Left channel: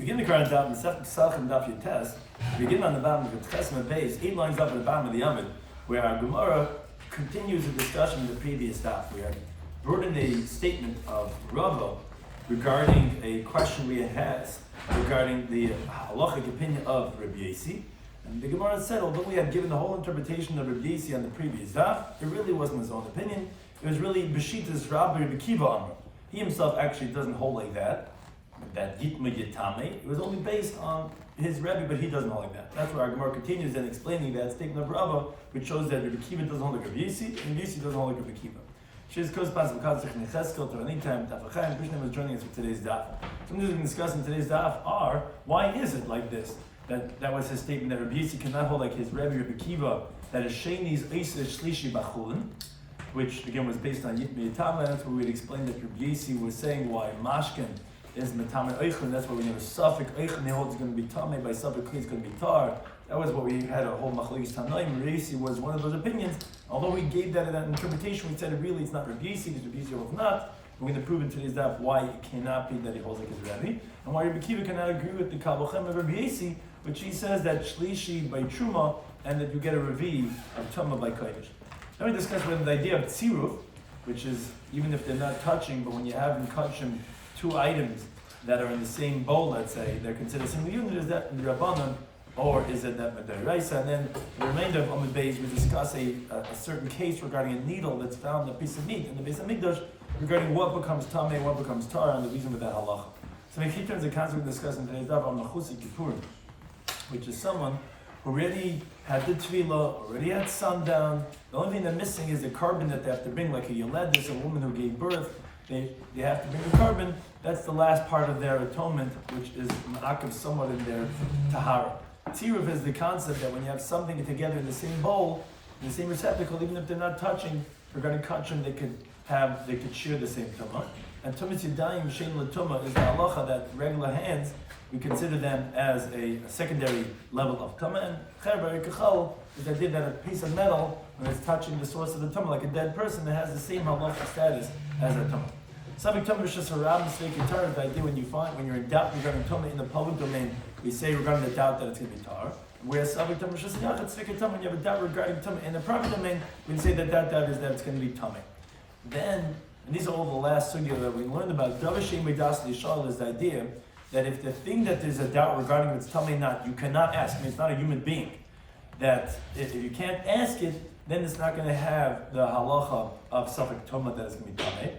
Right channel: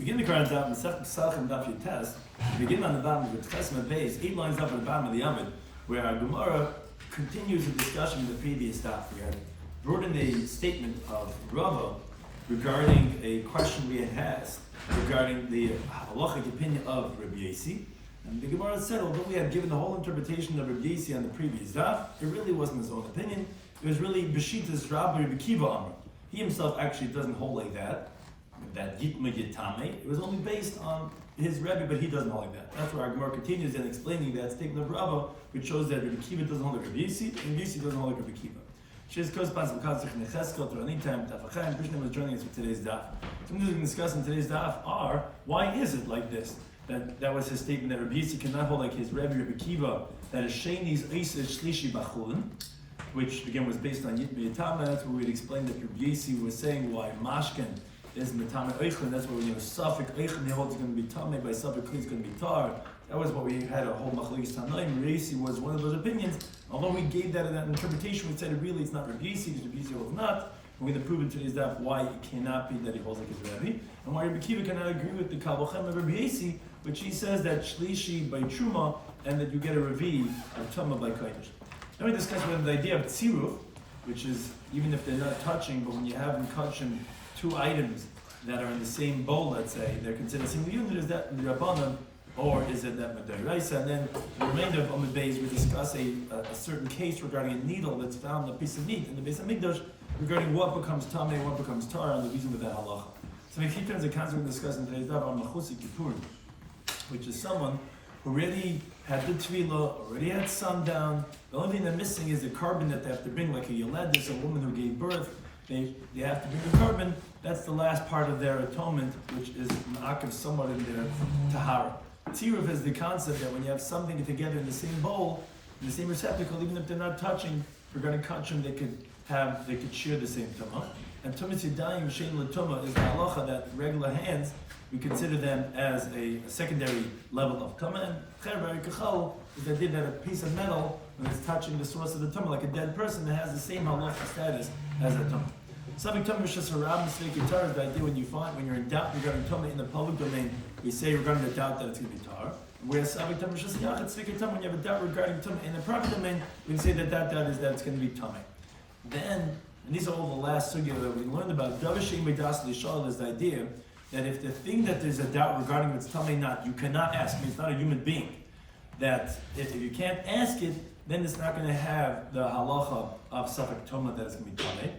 Begin the current Daf, Pesachim Daf Yomi. Begin on the bottom of the Pesachim base, 8 lines up at the bottom of the Yomid, where our Gemara continues the discussion of the previous Daf. We had brought in a statement of Rava regarding a question we had asked regarding the halachic opinion of Rabbi Yossi. And the Gemara said, although we had given the whole interpretation of Rabbi Yossi on the previous Daf, it really wasn't his own opinion. It was really B'shita's Rabbi Kiva Amar. He himself actually doesn't hold like that Yitma Yitame. It was only based on his Rebbe, but he doesn't hold like that. That's where our Gemara continues in explaining that statement of Rava, which shows that Rabbi Kiva doesn't hold like Rabbi Yossi, and Yossi doesn't hold like Rabbi Kiva. Shiz corresponds to Necheskel, to anytime, Tafachayim. Krishna was joining us for today's daf. Some things we can discuss in today's daf are, why is it like this? That was his statement that Rabbi Yossi cannot hold like his Rebbe, Rabbi Kiva, that is Sheni's Eiseh Shlishi Bachulin, which again was based on Yitma Yitama. That's where we'd explain that Rabbi Yossi was saying why Mashkin is Matame Eichel. That's why when you have Safek Eichel, he holds it's going to be Tame, by Safek Kli it's going to be Tar. That was what we had a whole Machlekes Tanaim. Rabbi Yossi was one of those opinions. Although we gave that interpretation, we said really it's not Rabbi Yossi, because Rabbi Yossi holds not. We're going to prove in today's daf why it cannot be that he holds like his Rebbe, and why Rabbi Kiva cannot agree with the Kabbalchem of Rabbi Yossi, which he says that Shlishi by Truma, and that you get a Revi of Tumah by Kodesh. Then we discussed the idea of Tziruf, which is even if they're not touching, but when you have in Kachim two items that are in the same bowl, let's say, they're considered a single unit. Is that Rabbanan, or is it that Madaraisa? And then the remainder of Amud Beis, we discuss a certain case regarding a needle that's found in a piece of meat in the Beis HaMikdash, regarding what becomes Tameh and what becomes Tar, and the reason with that halacha. So we keep turns the concept we discussed in today's daf on Machusi Kippurim, which is someone who already had the tefillah, already had sundown. The only thing they're missing is the carbon that they have to bring, like a Yoledis, a woman who gave birth. They have to bring the carbon. That's the last part of their atonement, which is ma'akiv somewhat in their tahara. Tziruf is the concept that when you have something together in the same bowl, in the same receptacle, even if they're not touching, regarding kachim, they could share the same tumah. And tumas yadayim shein l'tumah is the halacha that regular hands, we consider them as a secondary level of tumah. And cherber kachal is the idea that a piece of metal, when it's touching the source of the tumah, like a dead person, it has the same halacha status as a tumah. Something tumah is just a rab mistake tar. The idea when you're in doubt regarding tumah in the public domain, we say regarding the doubt that it's going to be tar. Whereas something tumah is just yachad mistake tar. When you have a doubt regarding tumah in the proper domain, we say that doubt is that it's going to be tumah. Then, and these are all the last sugya that we learned about. Davashem B'das Lishal is the idea that if the thing that there's a doubt regarding it's tumah not, you cannot ask. I mean, it's not a human being. That if you can't ask it, then it's not going to have the halacha of safek tumah that it's going to be tumah.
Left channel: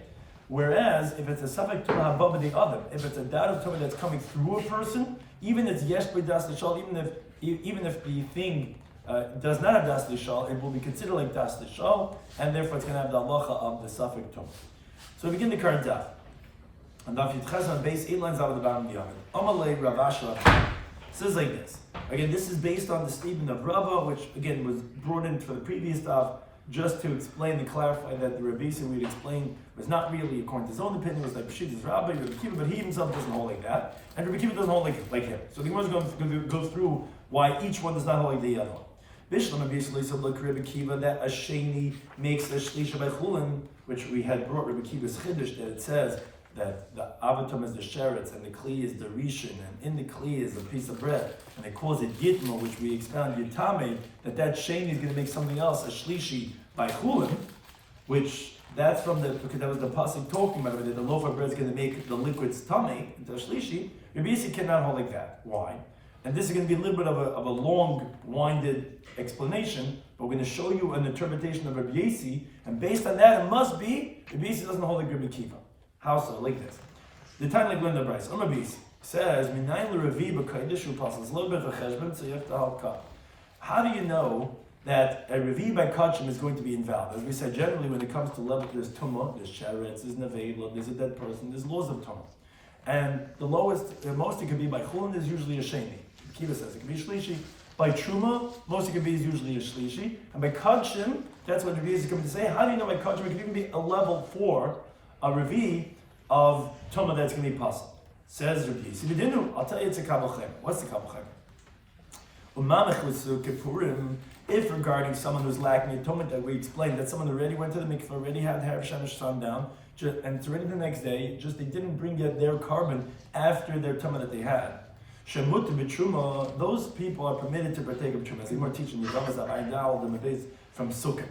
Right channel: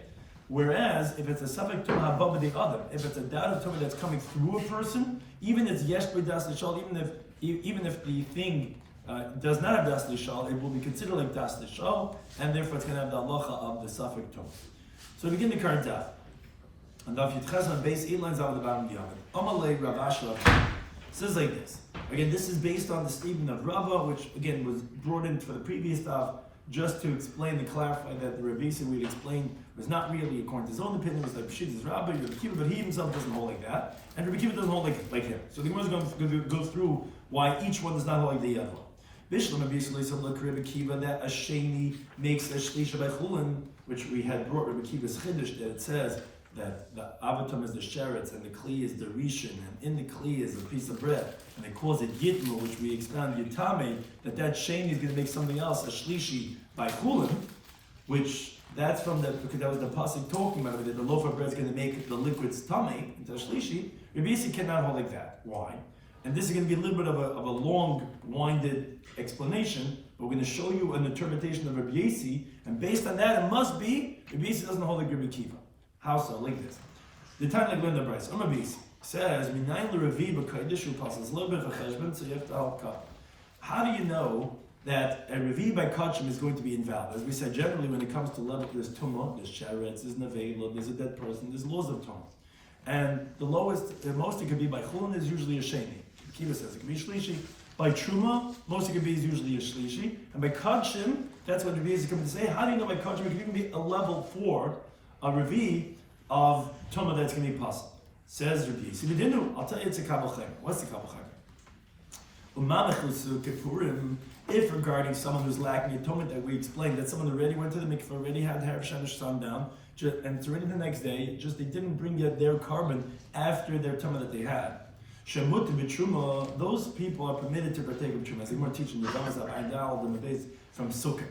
Whereas if it's a safek tumah habba the other, if it's a doubt of tumah that's coming through a person, even if it's yesh b'das lishal, even if the thing does not have das lishal, it will be considered like das lishal, and therefore it's going to have the halacha of the safek tumah. So we begin the current daf. And Daf Yitches on base 8 lines out of the bottom of the Yomid. Amalei Rav Shloimy says like this. Again, this is based on the statement of Rava, which again was brought in for the previous daf, just to explain and clarify that the Rabbi Yossi we'd explained was not really according to his own opinion, was like B'shita's Rabbi, Rabbi Kiva, but he himself doesn't hold like that, and Rabbi Kiva doesn't hold like him. So the Gemara is going to go through why each one does not hold like the other one. Bishlam Abisli said like Rabbi Kiva that a sheni makes a shlisha by chulin, which we had brought Rabbi Kiva's chiddush that it says that the avatam is the sheretz and the kli is the rishon, and in the kli is a piece of bread, and they calls it yitma, which we expound yitame, that sheni is going to make something else, a shlishi by chulin, which that's from because that was the pasuk talking about it, that the loaf of bread is going to make the liquids tame into a shlishi. Rabbi Yossi cannot hold like that. Why? And this is going to be a little bit of a long-winded explanation, but we're going to show you an interpretation of Rabbi Yossi, and based on that, it must be Rabbi Yossi doesn't hold like Rabbi Kiva. How so? Like this. The time like when the Bryce Umabis says, "Minayin l'Revi b'Kodesh u'Pasal." It's a little bit of a cheshbon, so you have to help up. How do you know that a Revi by Kachim is going to be invalid? As we said, generally when it comes to level, there's tumah, there's sheretz, there's nevela, there's a dead person, there's laws of tumah, and the most it could be by chulin is usually a sheni. Kiva says it could be shlishi. By truma, most it could be is usually a shlishi, and by Kachim, that's what Revi is going to say. How do you know by Kachim it could even be a level 4? A Revi of Tumah that's going to be possible. Says Rabbi Yossi. I'll tell you it's a Kabbalchem. What's the Kabbalchem? If regarding someone who's lacking atonement, that we explained, that someone already went to the mikveh, already had Erev Shamish sundown, and it's already the next day, just they didn't bring yet their carbon after their tumah that they had. Shemut b'truma, those people are permitted to partake of truma. As the Gemara teaching the Ramas that I now the days from Sukkot,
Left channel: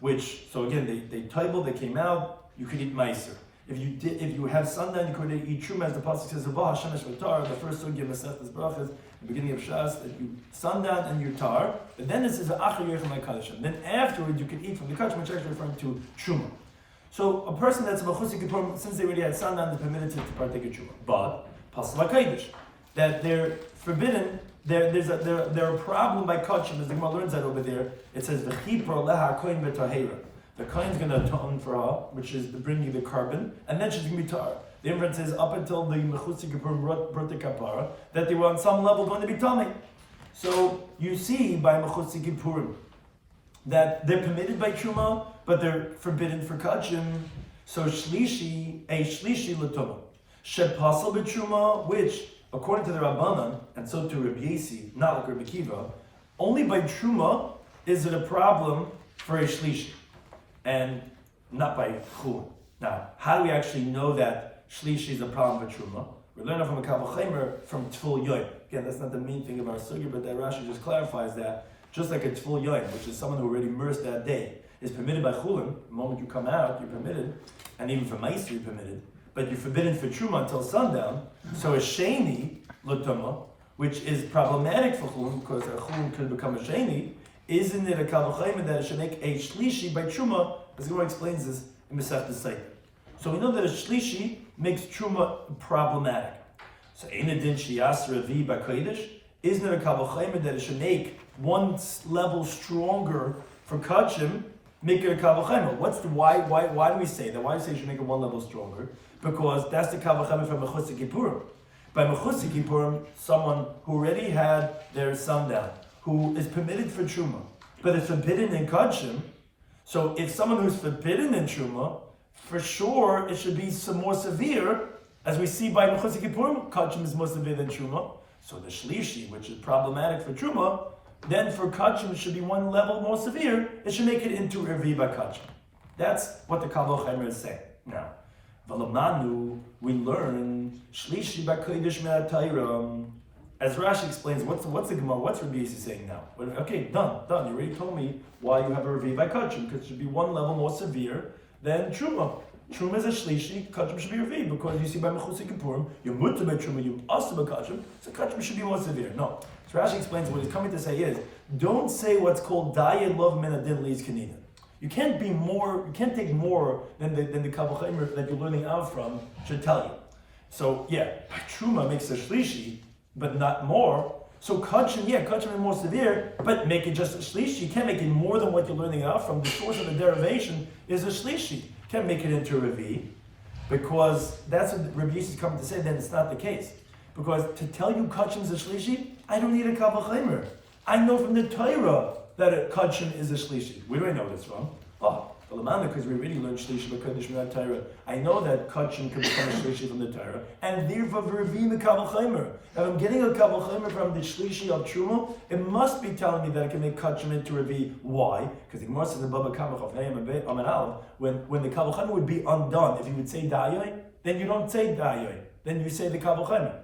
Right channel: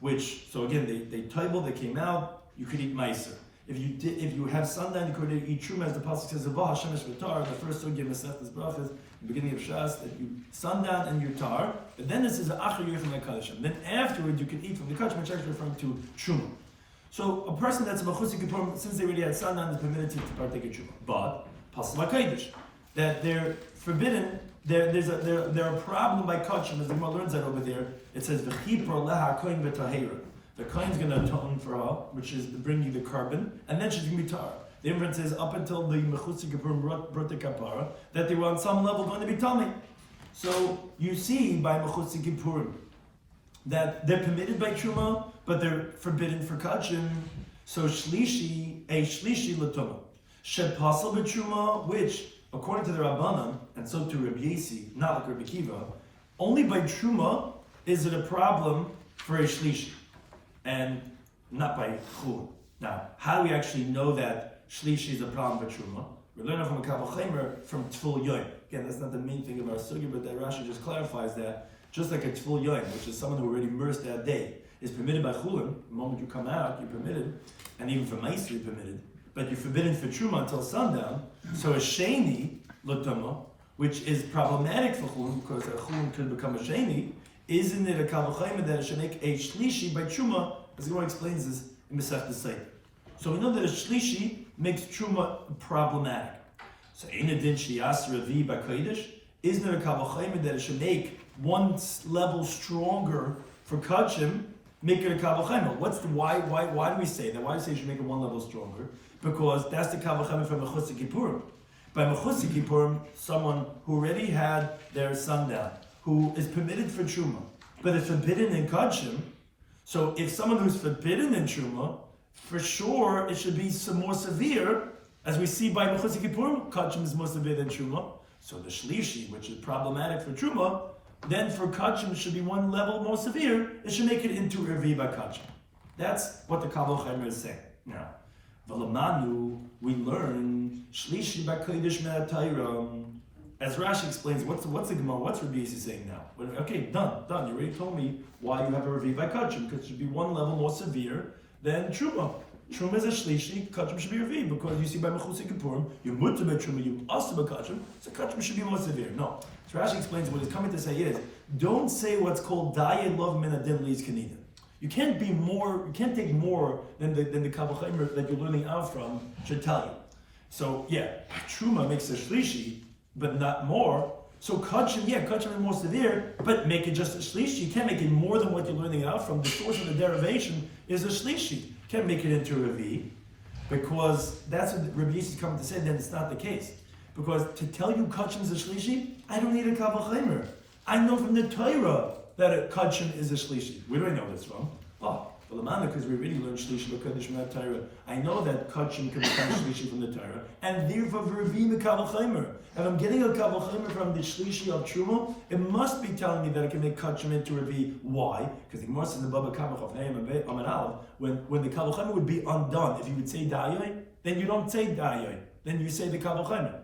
which so again they table, they came out. You could eat meiser. If you have sundown, you could eat truma, as the pasuk says, "Abah Hashem Tar." The first sugya Masechtas Brachas, the beginning of Shas, that you sundown and you tar. But then it says Achar Yechem HaKadashim. Then afterwards you can eat from the kadashim, which is actually referring to truma. So a person that's a mechusik kippurim, since they already had sundown, is permitted to partake of truma. But pasla kodesh, that they're forbidden. They're a problem by kachim, as the Gemara learns that over there. It says the chipro leha kohen b'tahera. The kohen's going to atone for her, which is bringing the carbon, and then she's going to be tar. The inference is up until the mechusik kippurim brought the kapara, that they were on some level going to be tummy. So you see by mechusik kippurim that they're permitted by truma, but they're forbidden for kachim. So a shlishi l'tumah. Shepasal b'truma, which, according to the Rabbanan, and so to Rabbi Yesi, not like Rabbi Kiva, only by truma is it a problem for a shlishi, and not by chulin. Now, how do we actually know that shlishi is a problem for truma? We're learning from a Kabbalah from Tful Yoim. Again, that's not the main thing of our sugya, but that Rashi just clarifies that. Just like a Tful Yoim, which is someone who already immersed that day, is permitted by chulin. The moment you come out, you're permitted, and even for meiser you're permitted. But you're forbidden for truma until sundown. So a sheni l'tumah, which is problematic for chulin because a chulin could become a sheni, isn't it a kavachayim that it should make a shlishi by truma? As the Gemara explains this in Masechtas Seifer. So we know that a shlishi makes truma problematic. So in addition, shiyasra vi b'kodesh, isn't it a kavachayim that it should make one level stronger for kachim? Make it a kavachayim. Why do we say that? Why do we say you should make it one level stronger? Because that's the kavachayim for mechusik kippurim. By mechusik kippurim, someone who already had their sundown, who is permitted for truma, but is forbidden in kachim. So if someone who's forbidden in truma, for sure it should be some more severe, as we see by mechusik kippurim, kachim is more severe than truma. So the shlishi, which is problematic for truma, then for kachim it should be one level more severe. It should make it into revi by kachim. That's what the Kabbalah is saying. Now, V'lamanu, we learn shlishi b'kodesh me'atayra. As Rashi explains, what's the Gemara? What's Rabbi Yesi saying now? Well, okay, done. You already told me why you have a revi by kachim, because it should be one level more severe than truma. Truma is a shlishi, kachim should be revi, because you see by mechusik kippurim, you're mutter by truma, you also by kachim, so kachim should be more severe. No. So Rashi explains what he's coming to say is, don't say what's called dayed love min adin leis kanina. You can't take more than the Kabbalah that you're learning out from should tell you. So yeah, truma makes a shlishi, but not more. So kachim is more severe, but make it just a shlishi. You can't make it more than what you're learning out from. The source of the derivation is a shlishi. You can't make it into a revi, because that's what Rabbi Yesi is coming to say. Then it's not the case. Because to tell you kachim is a shlishi, I don't need a Kabbalah. I know from the Torah that a kachim is a shlishi. Where do I know this from? Because we really learned shlishi l'kodesh from the Torah. I know that kachim can become a shlishi from the Torah, and therefore revi the Kabbalah. If I'm getting a Kabbalah from the shlishi of truma, it must be telling me that I can make kachim into revi. Why? Because the Gemara says above a kabbalah when the Kabbalah would be undone, if you would say dayoy, then you don't say dayoy, then you say the Kabbalah.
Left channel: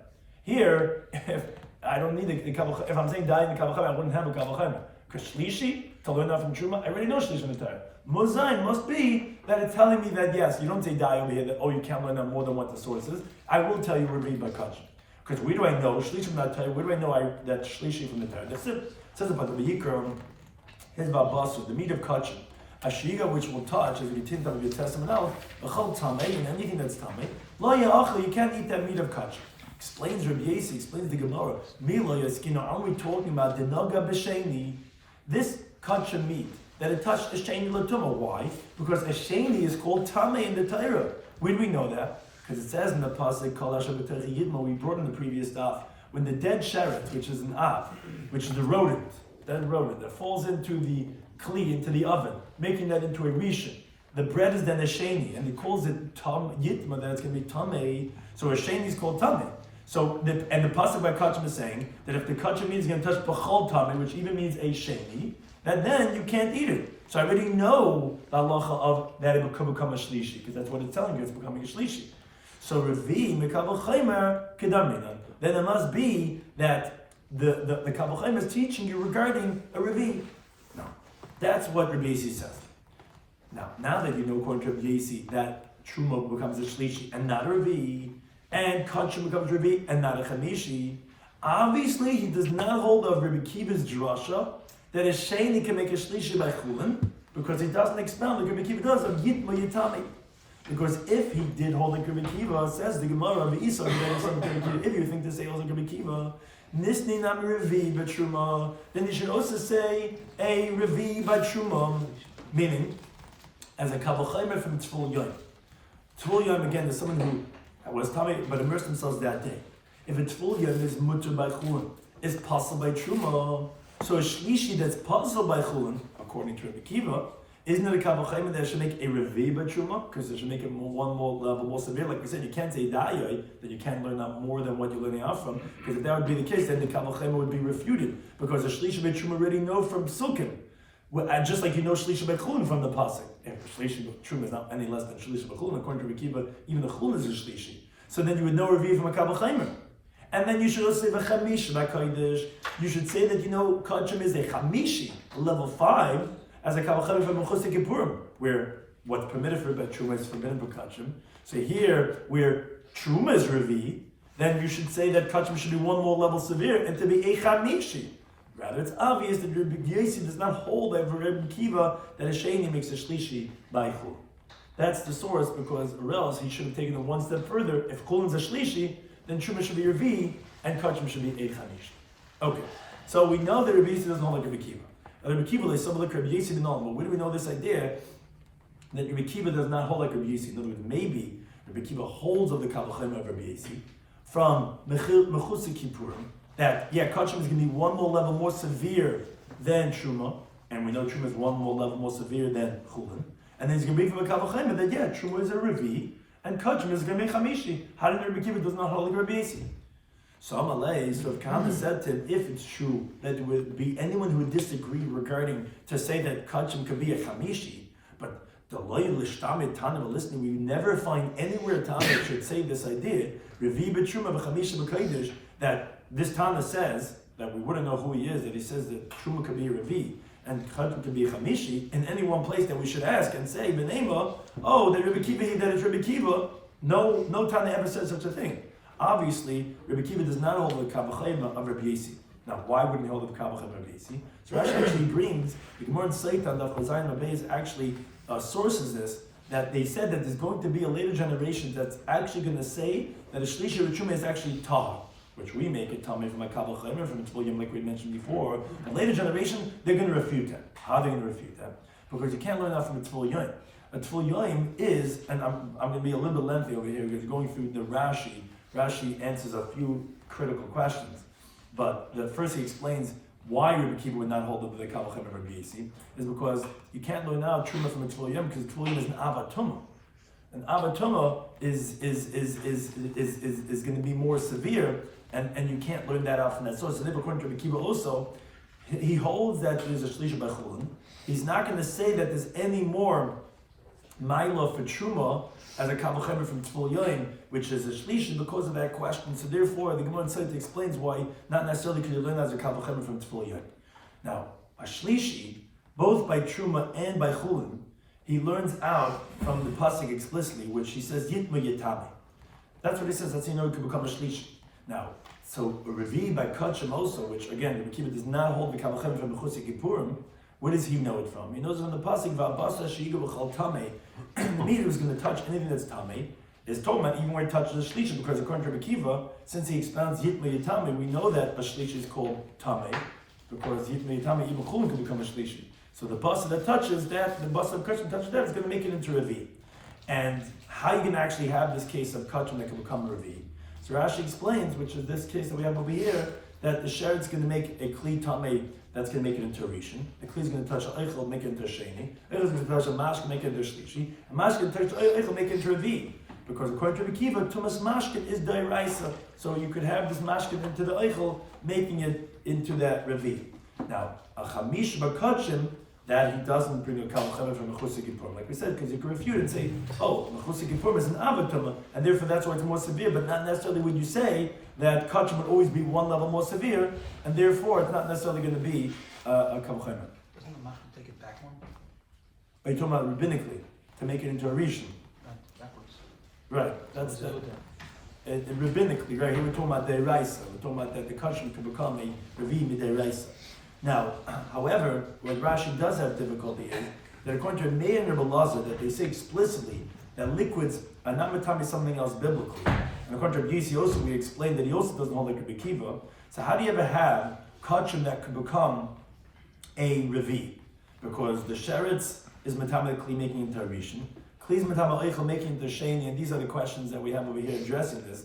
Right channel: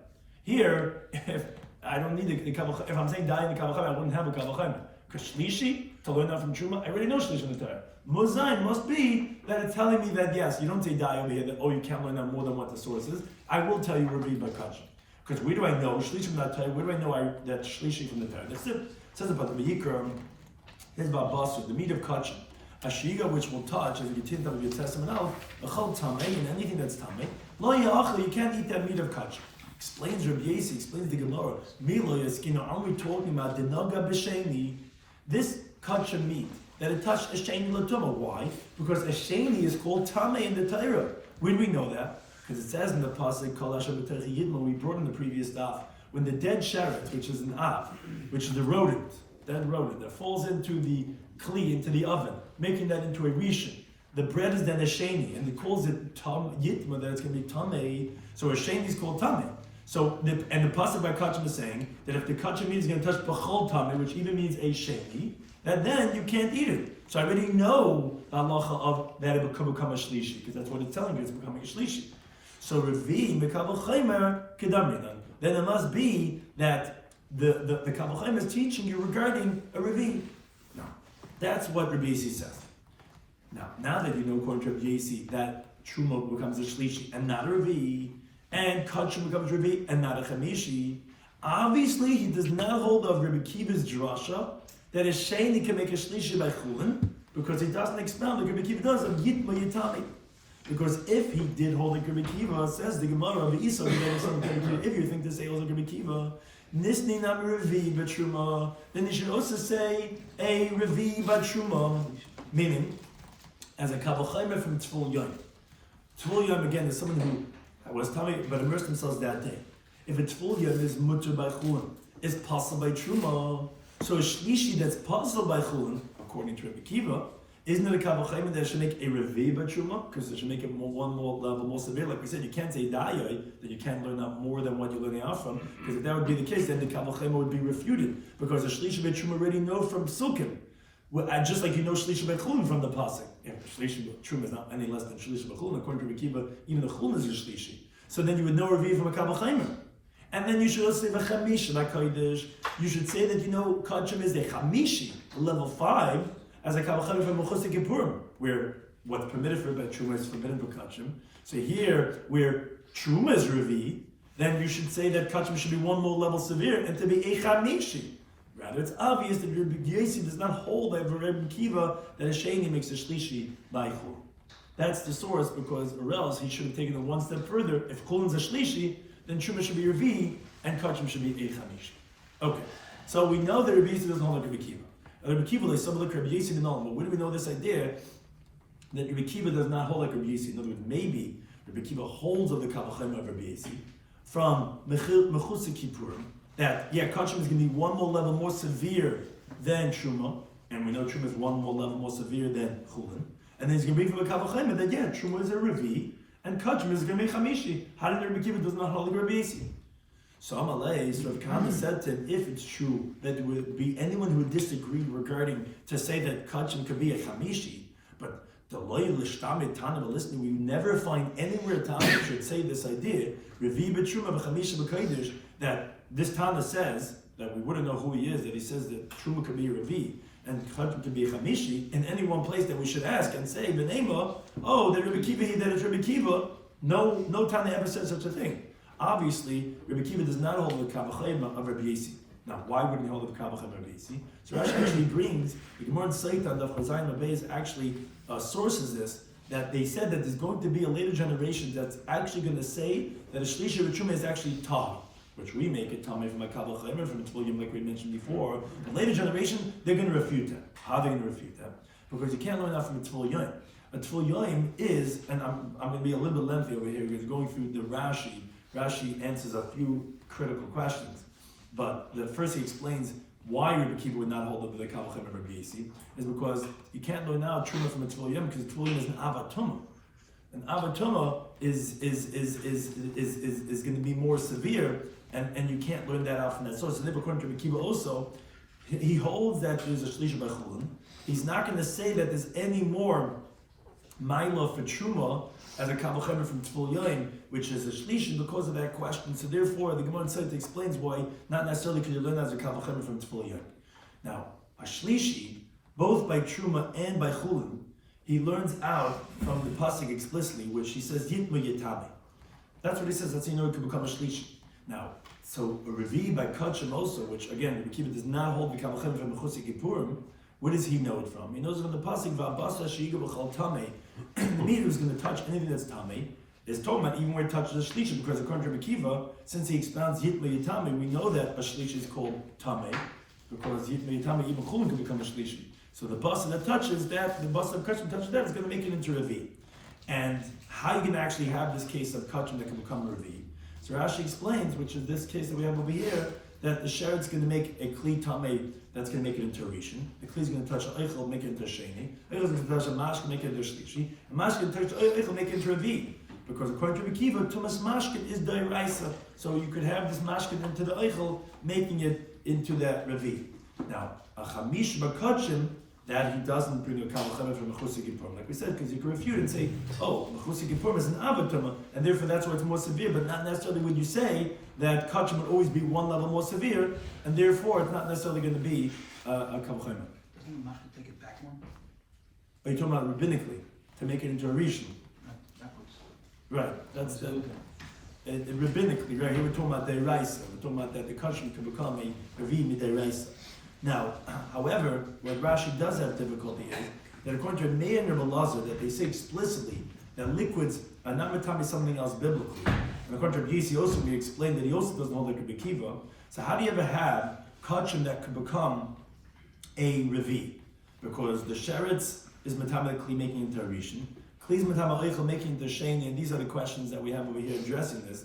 Here, if I don't need the Kabbalah. If I'm saying dayoy in the Kabbalah, I wouldn't have a Kabbalah. Because shlishi, to learn that from truma, I already know shlishi from the Torah. Mozayin must be that it's telling me that yes, you don't say die over here that you can't learn more than what the source is. I will tell you reviewed by kachim. Because where do I know shlishi from that Torah? Where do I know that shlishi from the Torah? That's it. It says about the Vayikra, here's about basu, the meat of kachim, a shiur which will touch, as you tint up your testament out, a chol tamei, and anything that's tamei, lo ya'achli, you can't eat that meat of kachim. Explains Rabbi Yesi, explains the Gemara. Milo yaskino, aren't we talking about denaga b'sheni? This kachim meat that it touched a sheni l'tumah. Why? Because a sheni is called tamei in the Torah. Where do we know that? Because it says in the pasuk kol asher b'terech yidma, we brought in the previous stuff, when the dead sheretz, which is an av, which is the rodent that falls into the kli, into the oven, making that into a rishon. The bread is then a sheni, and it calls it yitma, that it's going to be tamei. So a sheni is called tamei. So the pasuk by kachim is saying that if the kachim meat is going to touch b'chol tamei, which even means a sheni, that then you can't eat it. So I already know the halacha of that it could become a shlishi, because that's what it's telling you, it's becoming a shlishi. So revi mekabel chaymer kedaminan. then it must be that the Kabbalah is teaching you regarding a Revi. No, that's what Rabbi Yossi says. Now that you know according to Rabbi Yossi that Truma becomes a Shlishi and not a Revi, and Kachim becomes Revi and not a Chamishi, obviously he does not hold of Rabbi Kiva's drasha that a Sheni can make a Shlishi by Chulin, because he doesn't expound like Rabbi Kiva does of Yitma Yitami. Because if he did hold like Rabbi Kiva, says the Gemara of the Isa, if you think to say also Rabbi Kiva, Nisni nam Revi b'Truma, then you should also say a Revi by Truma, meaning as a Kabbalah from Tzvul Yom. Tzvul Yom again is someone who was Tami but immersed themselves that day. If a Tzvul Yom is mutter by Chulin, is possible by Truma, so a Shlishi that's possible by Chulin, according to Rabbi Kiva, isn't it a Kabbalah that should make a Revi by Truma? Because it should make it one more level more severe. Like we said, you can't say Dayoi, that you can't learn out more than what you're learning out from. Because if that would be the case, then the Kabbalah would be refuted. Because the Shlishi by Truma already know from Psukim. Just like you know Shlishi by Chulin from the Pasuk. If Shlishi by Truma is not any less than Shlishi by Chulin, according to Rabbi Kiva, even the Chulin is a Shlishi. So then you would know Revi from a Kabbalah. And then you should also say V'chamish by Kodesh. You should say that you know Kachim is a Chamishi, level 5, as a Kabbalah from Mechusik Kippurim, where what's permitted by Truma is forbidden by Kachim. So here, where Truma is Revi, then you should say that Kachim should be one more level severe and to be a Chamishi. Rather, it's obvious that Rabbi Yossi does not hold over Rabbi Kiva that a Sheni makes a Shlishi by Chul. That's the source, because or else he should have taken it one step further. If Chulin is a Shlishi, then Truma should be Revi and Kachim should be a Chamishi. Okay, so we know that Rabbi Yossi doesn't hold like Rabbi Kiva. Rabbi Kiva, they saw like Rabbi Yossi didn't know, but where do we know this idea that Rabbi Kiva does not hold like Rabbi Yossi? In other words, maybe Rabbi Kiva holds of the Kabbalah of Rabbi Yossi from Mechusik Kippurim, that Kachim is going to be one more level more severe than Truma, and we know Truma is one more level more severe than Chulin, and then he's going to be from a Kabbalah that Truma is a Revi, and Kachim is going to be Chamishi. How did Rabbi Kiva does not hold like Rabbi Yossi? So Amalei, so if Kama said to him, if it's true that there would be anyone who would disagree regarding to say that Kachim could be a Chamishi, but the loyal Lishtami Tana listening, we never find anywhere Tana should say this idea, Revi b'Truma b'Chamishi b'Kodesh, that this Tana says, that we wouldn't know who he is, that he says that Truma could be a Revi and Kachim could be a Chamishi, in any one place that we should ask and say, B'Nema, that Rabbi Kiva, that it's Rabbi Kiva, no Tana ever says such a thing. Obviously, Rabbi Kiva does not hold the Kabbalah of Rabbi Yossi. Now, why wouldn't he hold the Kabbalah of Rabbi Yossi? So Rashi actually brings, the Gemara in Seitan Daf Chazayin Labeis actually sources this, that they said that there's going to be a later generation that's actually going to say that a Shlishi Rishuma is actually Tah, which we make it Tameh from a Kabbalah from Tzvul Yom, like we mentioned before. The later generation, they're going to refute that. How are they going to refute that? Because you can't learn that from Tzvul Yom. A Tzvul Yom is, and I'm going to be a little bit lengthy over here, because going through the Rashi. Rashi answers a few critical questions, but first he explains why Rabbi Kiva would not hold up the Kabbalah of Rabbi Yossi is because you can't learn now Truma from a Tzvul Yom, because Tzvul Yom is an Avatuma. An Avatuma is going to be more severe, and you can't learn that out from that source. So therefore, according to Rabbi Kiva also, he holds that there's a Shlishi by Chulin. He's not going to say that there's any more Maila for Truma as a Kabbalah from Tzvul Yom, which is a Shlishi, because of that question. So therefore, the Gemara in Seitan explains why not necessarily could you learn as a Kabbalah from Tzvul Yom. Now, a Shlishi, both by Truma and by Chulin, he learns out from the pasuk explicitly, which he says Yitma Yitami. That's what he says. That's how you know he can become a Shlishi. Now, so a Revi by Kachim also, which again, Rabbi Kiva does not hold the Kabbalah from Mechusik Kippurim. Where does he know it from? He knows it from the pasuk Va'abasa Sheiga B'Chal Tamei. The meat who's going to touch anything that's Tamei is talking about even where he touches a Shlishi, because according to Rabbi Kiva, since he expounds Yitma Yitami, we know that a Shlishi is called Tamei, because Yitma Yitami even Chulin can become a Shlishi. So the basa that touches that, the basa of Kachim touches that, is going to make it into Revi. And how you can actually have this case of Kachim that can become Revi? So Rashi explains, which is this case that we have over here, that the Sheret's going to make a Kli Tamei that's going to make it into a Rishon. The Kli is going to touch an Eichel, make it into a Sheni. Eichel is going to touch a Mashke, make it into a Shlishi. And Mashke is going to touch Eichel, make it into a Revi. Because according to Rabbi Kiva, Tumas Mashke is Dairaisa. So you could have this Mashke into the Eichel, making it into that Revi. Now, a Chamish Bakachim, that he doesn't bring a Kal V'Chomer from Mechusik Yipur. Like we said, because you can refute and say, oh, Mechusik Yipur is an Avatuma, and therefore that's why it's more severe, but not necessarily when you say that Kachim would always be one level more severe, and therefore it's not necessarily going to be a Kal V'Chomer. Doesn't the Mashal take it back one? Are you talking about rabbinically, to make it into a Rishon? Backwards. Right, that's the... rabbinically, right? Here we're talking about Deiraisa. We're talking about that the Kachim can become a Revi Mideiraisa. Now, however, what Rashi does have difficulty is that according to Meir and Rabbi Lazar, that they say explicitly that liquids are not matami something else biblically. And according to Rabbi Yisi also, we explained that he also doesn't hold like Rabbi Kiva. So how do you ever have kachim that could become a revi? Because the sheretz is matamically making into a rishon, kli is matamically making into a sheni, and these are the questions that we have over here addressing this.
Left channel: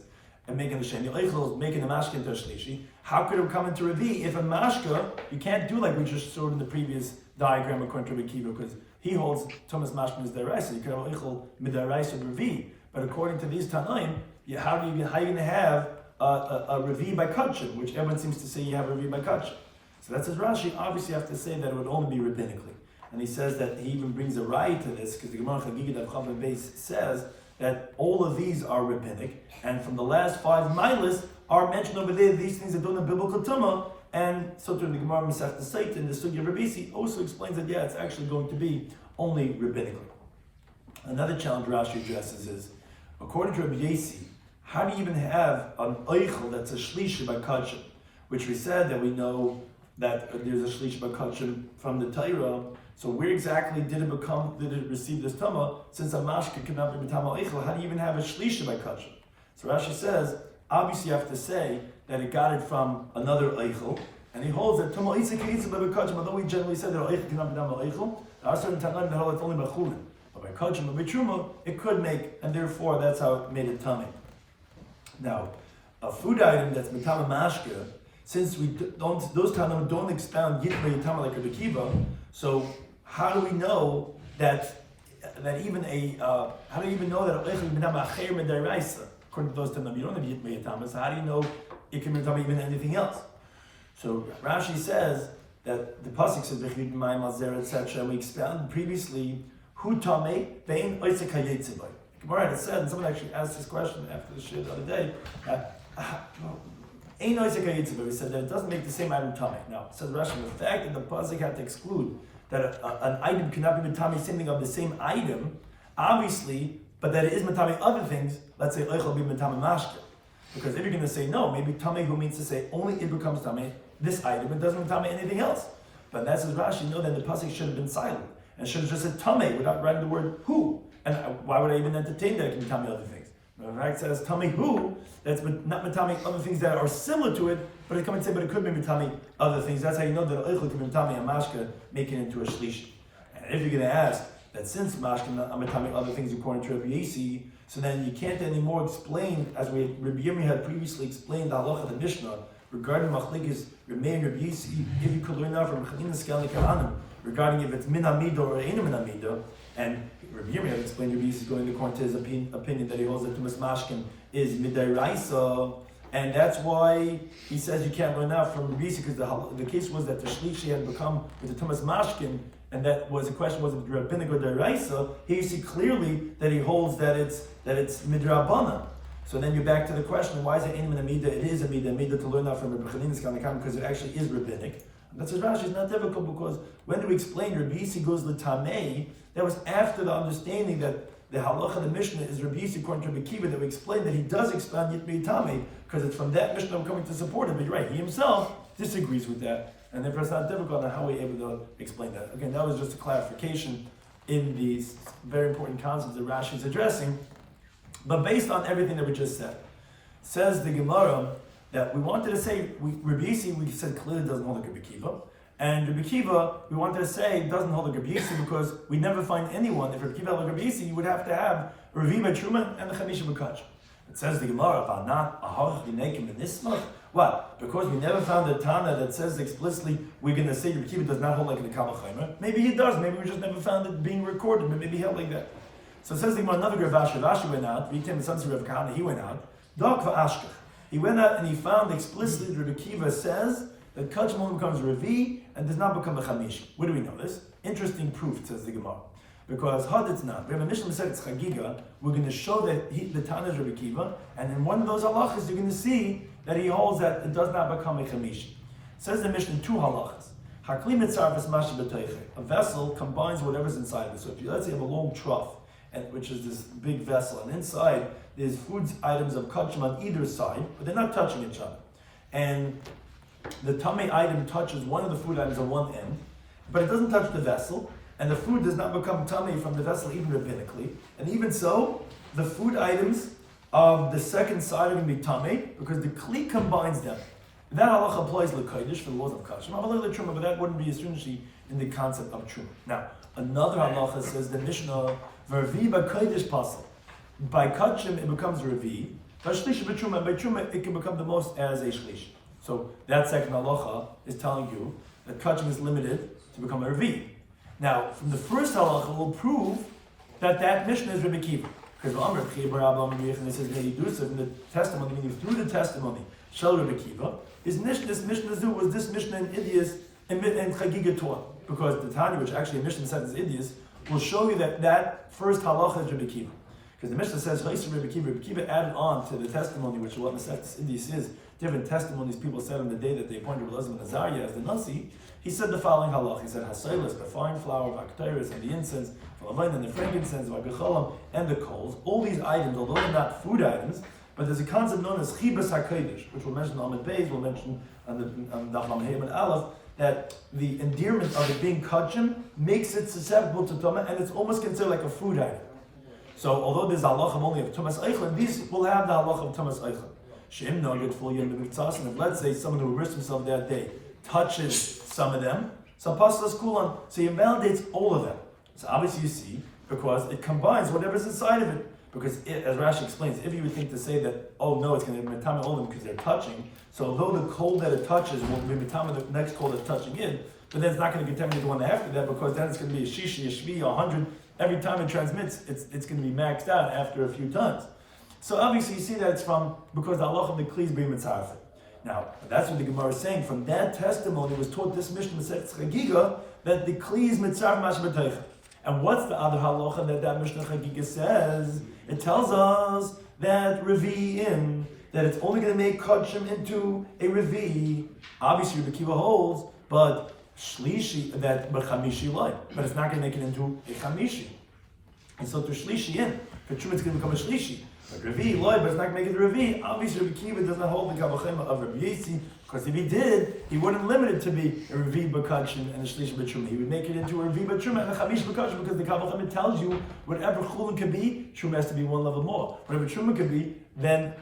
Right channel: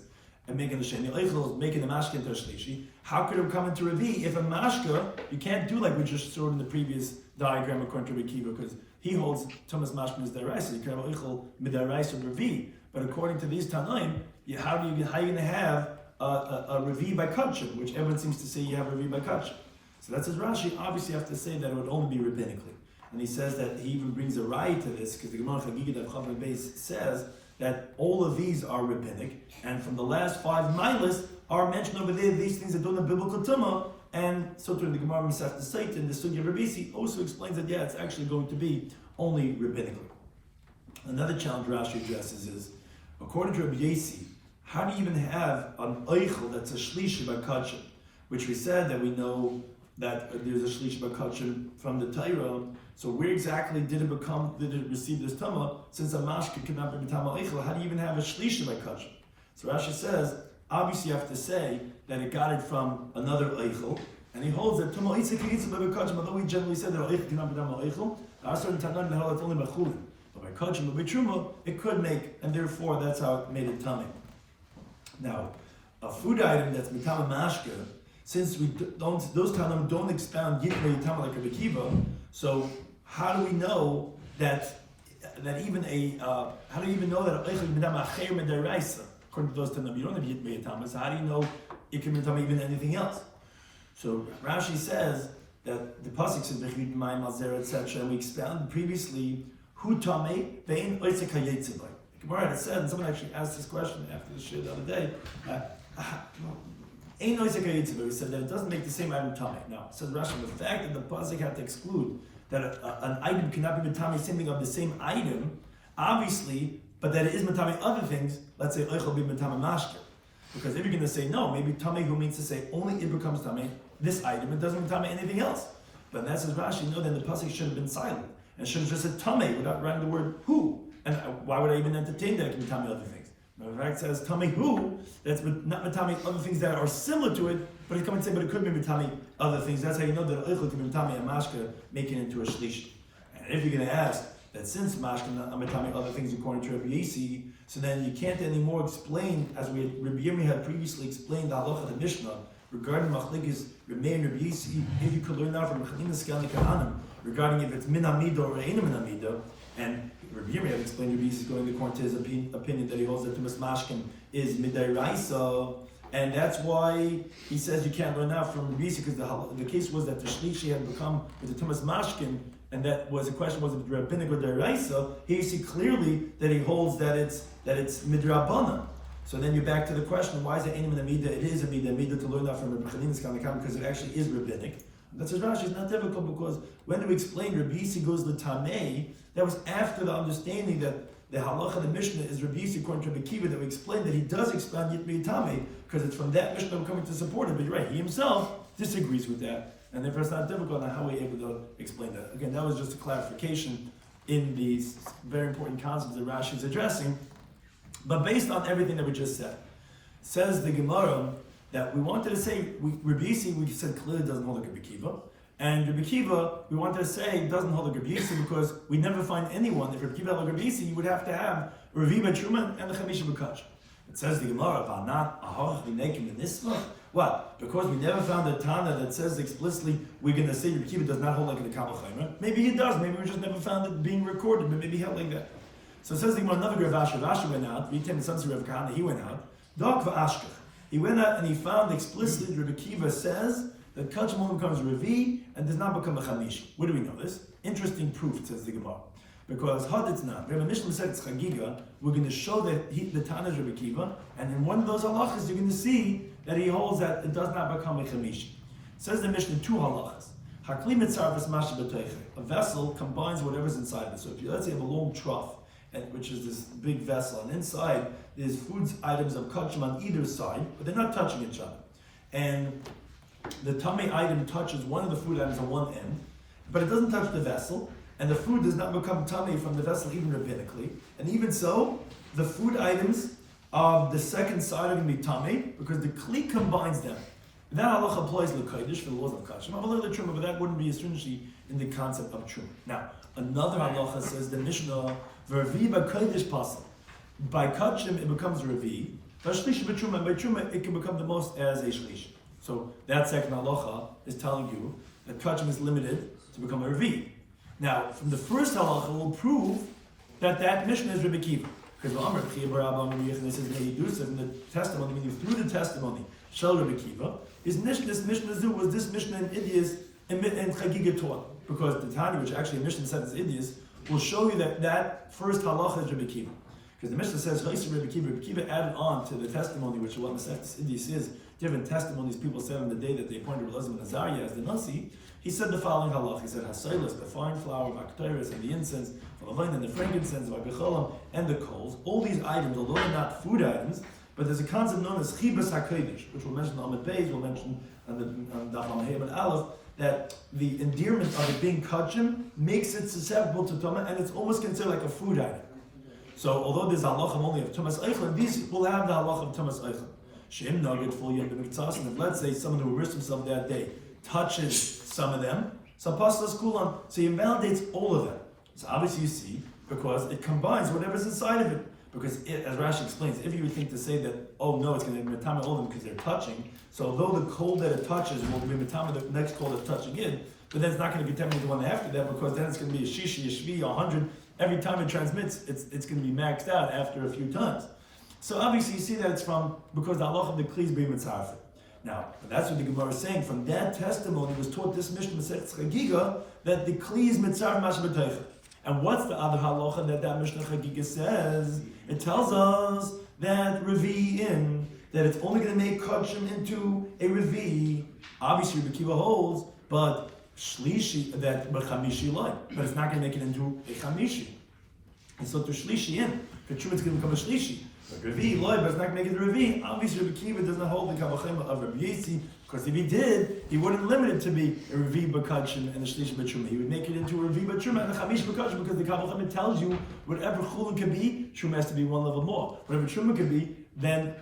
And making the sheni, eichel is making the mashka into a shlishi. How could it come into revi if a mashka you can't do like we just showed in the previous diagram according to Rabbi Kiva, because he holds Thomas mashka is deraisa. You could have eichel midaraisa revi, but according to these tanaim, how are you going to have a revi by kachim, which everyone seems to say you have a revi by kachim? So that's as Rashi obviously have to say that it would only be rabbinically, and he says that he even brings a right to this because the Gemara Chagigah Daf Chavar Beis says that all of these are rabbinic, and from the last 5 milas are mentioned over there, these things are doing a biblical tumah, and so through the Gemara Masech Seit and the Sugya Rabisi also explains that yeah, it's actually going to be only rabbinically. Another challenge Rashi addresses is, according to Rabbi Yisi, how do you even have an eichel that's a shlishi by kachim, which we said that we know that there's a shlishi by kachim from the Torah. So where exactly did it receive this tama? Since a mashka cannot be b'tama eichel, how do you even have a shlishi by kachim? So Rashi says, obviously you have to say that it got it from another eichel, and he holds that tama eitzah k'yitzah by kachim, although we generally said that eichel cannot be b'tama eichel, there are certain tanaim that hold it's only by chulin. But by kachim or by truma, it could make, and therefore that's how it made it tummy. Now, a food item that's b'tama mashka, since we don't, those tanaim don't expound yitma yitama like a Kiva, so how do we know that even how do you even know that according to those tanaim you don't have yitma yitama? So how do you know it can be even anything else? So Rashi says that the pasuk says b'chiyut mayim alzer etc. We expounded previously hu tamei ve'in oitzek hayetzibay. Gemara had said, and someone actually asked this question after the shir the other day. Ein oitzek hayetzibay. He said that it doesn't make the same item tamei. Now, says Rashi, the fact that the pasuk had to exclude that an item cannot be matami something of the same item, obviously, but that it is matami other things. Let's say oichel be matami mashke, because if you're going to say no, maybe tamei who means to say only it becomes tamei this item, it doesn't matami anything else. But that's as Rashi, you know, then the pasuk should have been silent and should have just said tamei without writing the word who. And why would I even entertain that it can be matami other things? The right says tamei who. That's not matami other things that are similar to it, but it come and say, but it could be matami other things. That's how you know that oichel can be matami a mashka, making it into a shlishi. And if you're going to ask that since mashka not matami other things according to Rabbi Yisi, so then you can't anymore explain, as Rabbi Yomi had previously explained the halacha of the Mishnah regarding machlekes Rabbi and Rabbi Yisi, if you could learn out from Chanina Skali Kahanim regarding if it's min hamida or ein min hamida, and Rabbi Yomi had explained Rabbi Yisi going according to his opinion that he holds that Tumas Mashkin is midday raisa, and that's why he says you can't learn out from Rabbi Yisi, because the case was that the shlishi had become with the Tumas Mashkin, and that was the question, was it rabbinic or deraisa? Here you see clearly that he holds that it's midrabana. So then you're back to the question, why is it ein min hamida? It is a midah to learn out from Rabbi Chanina Skali Kahanim, because it actually is rabbinic. That's what Rashi is not difficult, because when do we explain Rabbi Yisi goes l'tamei? That was after the understanding that the halacha of the Mishnah is Rabbi Yisi according to Rabbi Kiva, that we explained that he does expand yitma yitame, because it's from that Mishnah we're coming to support it. But you're right, he himself disagrees with that, and therefore it's not difficult on how we're able to explain that. Again, that was just a clarification in these very important concepts that Rashi is addressing. But based on everything that we just said, says the Gemara that we wanted to say, Rabbi Yisi, we said clearly doesn't hold like Rabbi Kiva. And Rabbi Kiva, we wanted to say, doesn't hold like Rabbi Yisi, because we never find anyone. If Rabbi Kiva held like Rabbi Yisi, you would have to have Revi by Truman and the Chamisha B'Kach. It says the Gemara, what? Because we never found a Tana that says explicitly we're going to say Rabbi Kiva does not hold like the Kal V'Chomer. Maybe he does. Maybe we just never found it being recorded, but maybe he held like that. So it says the Gemara, another Rav Ashi went out. Vitem, the son of Rav Kahana, he went out. Dog v'ashkach. He went out and he found explicitly that Rabbi Kiva says that Kachim only becomes Revi and does not become a Chamishi. Where do we know this? interesting proof, says the Gemara. Because it's not. We have a Mishnah said it's Chagiga. We're going to show that the Tana is Rabbi Kiva, and in one of those halachas, you're going to see that he holds that it does not become a chamishi. Says the Mishnah 2 halachas. Hakli mitzar v'smash b'toiche. A vessel combines whatever's inside of it. So if you let's say you have a long trough, which is this big vessel, and inside there's food items of kachim on either side, but they're not touching each other. And the tummy item touches one of the food items on one end, but it doesn't touch the vessel. And the food does not become tummy from the vessel even rabbinically. And even so, the food items of the second side are going to be tummy because the kli combines them. And that halacha applies to kodesh for the laws of kachim. But that wouldn't be a stringency in the concept of truma. Now, another halacha says the Mishnah, Vervi by kodesh pasal. By kachim it becomes revi. By shlish b'truma, by truma it can become the most as a shlish. So that second halacha is telling you that kachim is limited to become a revi. Now, from the first halacha, we'll prove that Mishnah is Rabbi Kiva. Because Amr and it says in the testimony, meaning through the testimony, Shel Rabbi Kiva, this Mishnah was this Mishnah in Idias and Chagiga taught. Because the Tani, which actually a Mishnah said is Idias, will show you that first halacha is Rabbi Kiva. Because the Mishnah says, Rabbi Kiva added on to the testimony, which what Masechtas Idias is, different testimonies people said on the day that they appointed Rabbi Elazar ben Azariah as the Nasi. He said the following halach. He said, Hasailas, the fine flour, Bakteris, and the incense, and the frankincense, Vagachalam, and the coals. All these items, although they're not food items, but there's a concept known as Chibas HaKodesh, which we'll mention on the page, we'll mention on Daf Yomi and Aleph, that the endearment of it being kachim makes it susceptible to Tumah, and it's almost considered like a food item. So, although there's halachim only of Tumas Eichel, these will have the halach of Tumas Eichel. She'im no yet fully in the mitzvahs, and if let's say someone who immersed himself that day touches some of them, so pastas kulan, so he invalidates all of them. So obviously you see, because it combines whatever's inside of it. Because as Rashi explains, if you would think to say that, oh no, it's going to be metama all of them because they're touching, so although the coal that it touches will be metama the next coal that's touching it, but then it's not going to be metama the one after that, because then it's going to be a shishi, a shvi, 100. Every time it transmits, it's going to be maxed out after a few tons. So obviously you see that it's from, because the halach of the kli is being mitzaref. Now, that's what the Gemara is saying. From that testimony was taught this Mishnah Masechtas Chagiga that the kli is mitzaref mash b'teicha. And what's the other halacha that Mishnah Chagiga says? It tells us that revi'im, that it's only going to make kachim into a revi. Obviously, the Kiva holds, but shlishi, but chamishi light, but it's not going to make it into a chamishi. And so to shlishi in, for true it's going to become a shlishi. But revi light, but it's not going to make it a revi. Obviously, Rabbi Kiva does not hold the kavachema of Rabbi Yesi, because if he did, he wouldn't limit it to be a revi b'kachim and a shlish b'truma. He would make it into a revi b'truma and a chamish b'kachim, because the kavachema tells you whatever chulin can be, truma has to be one level more. Whatever truma can be, then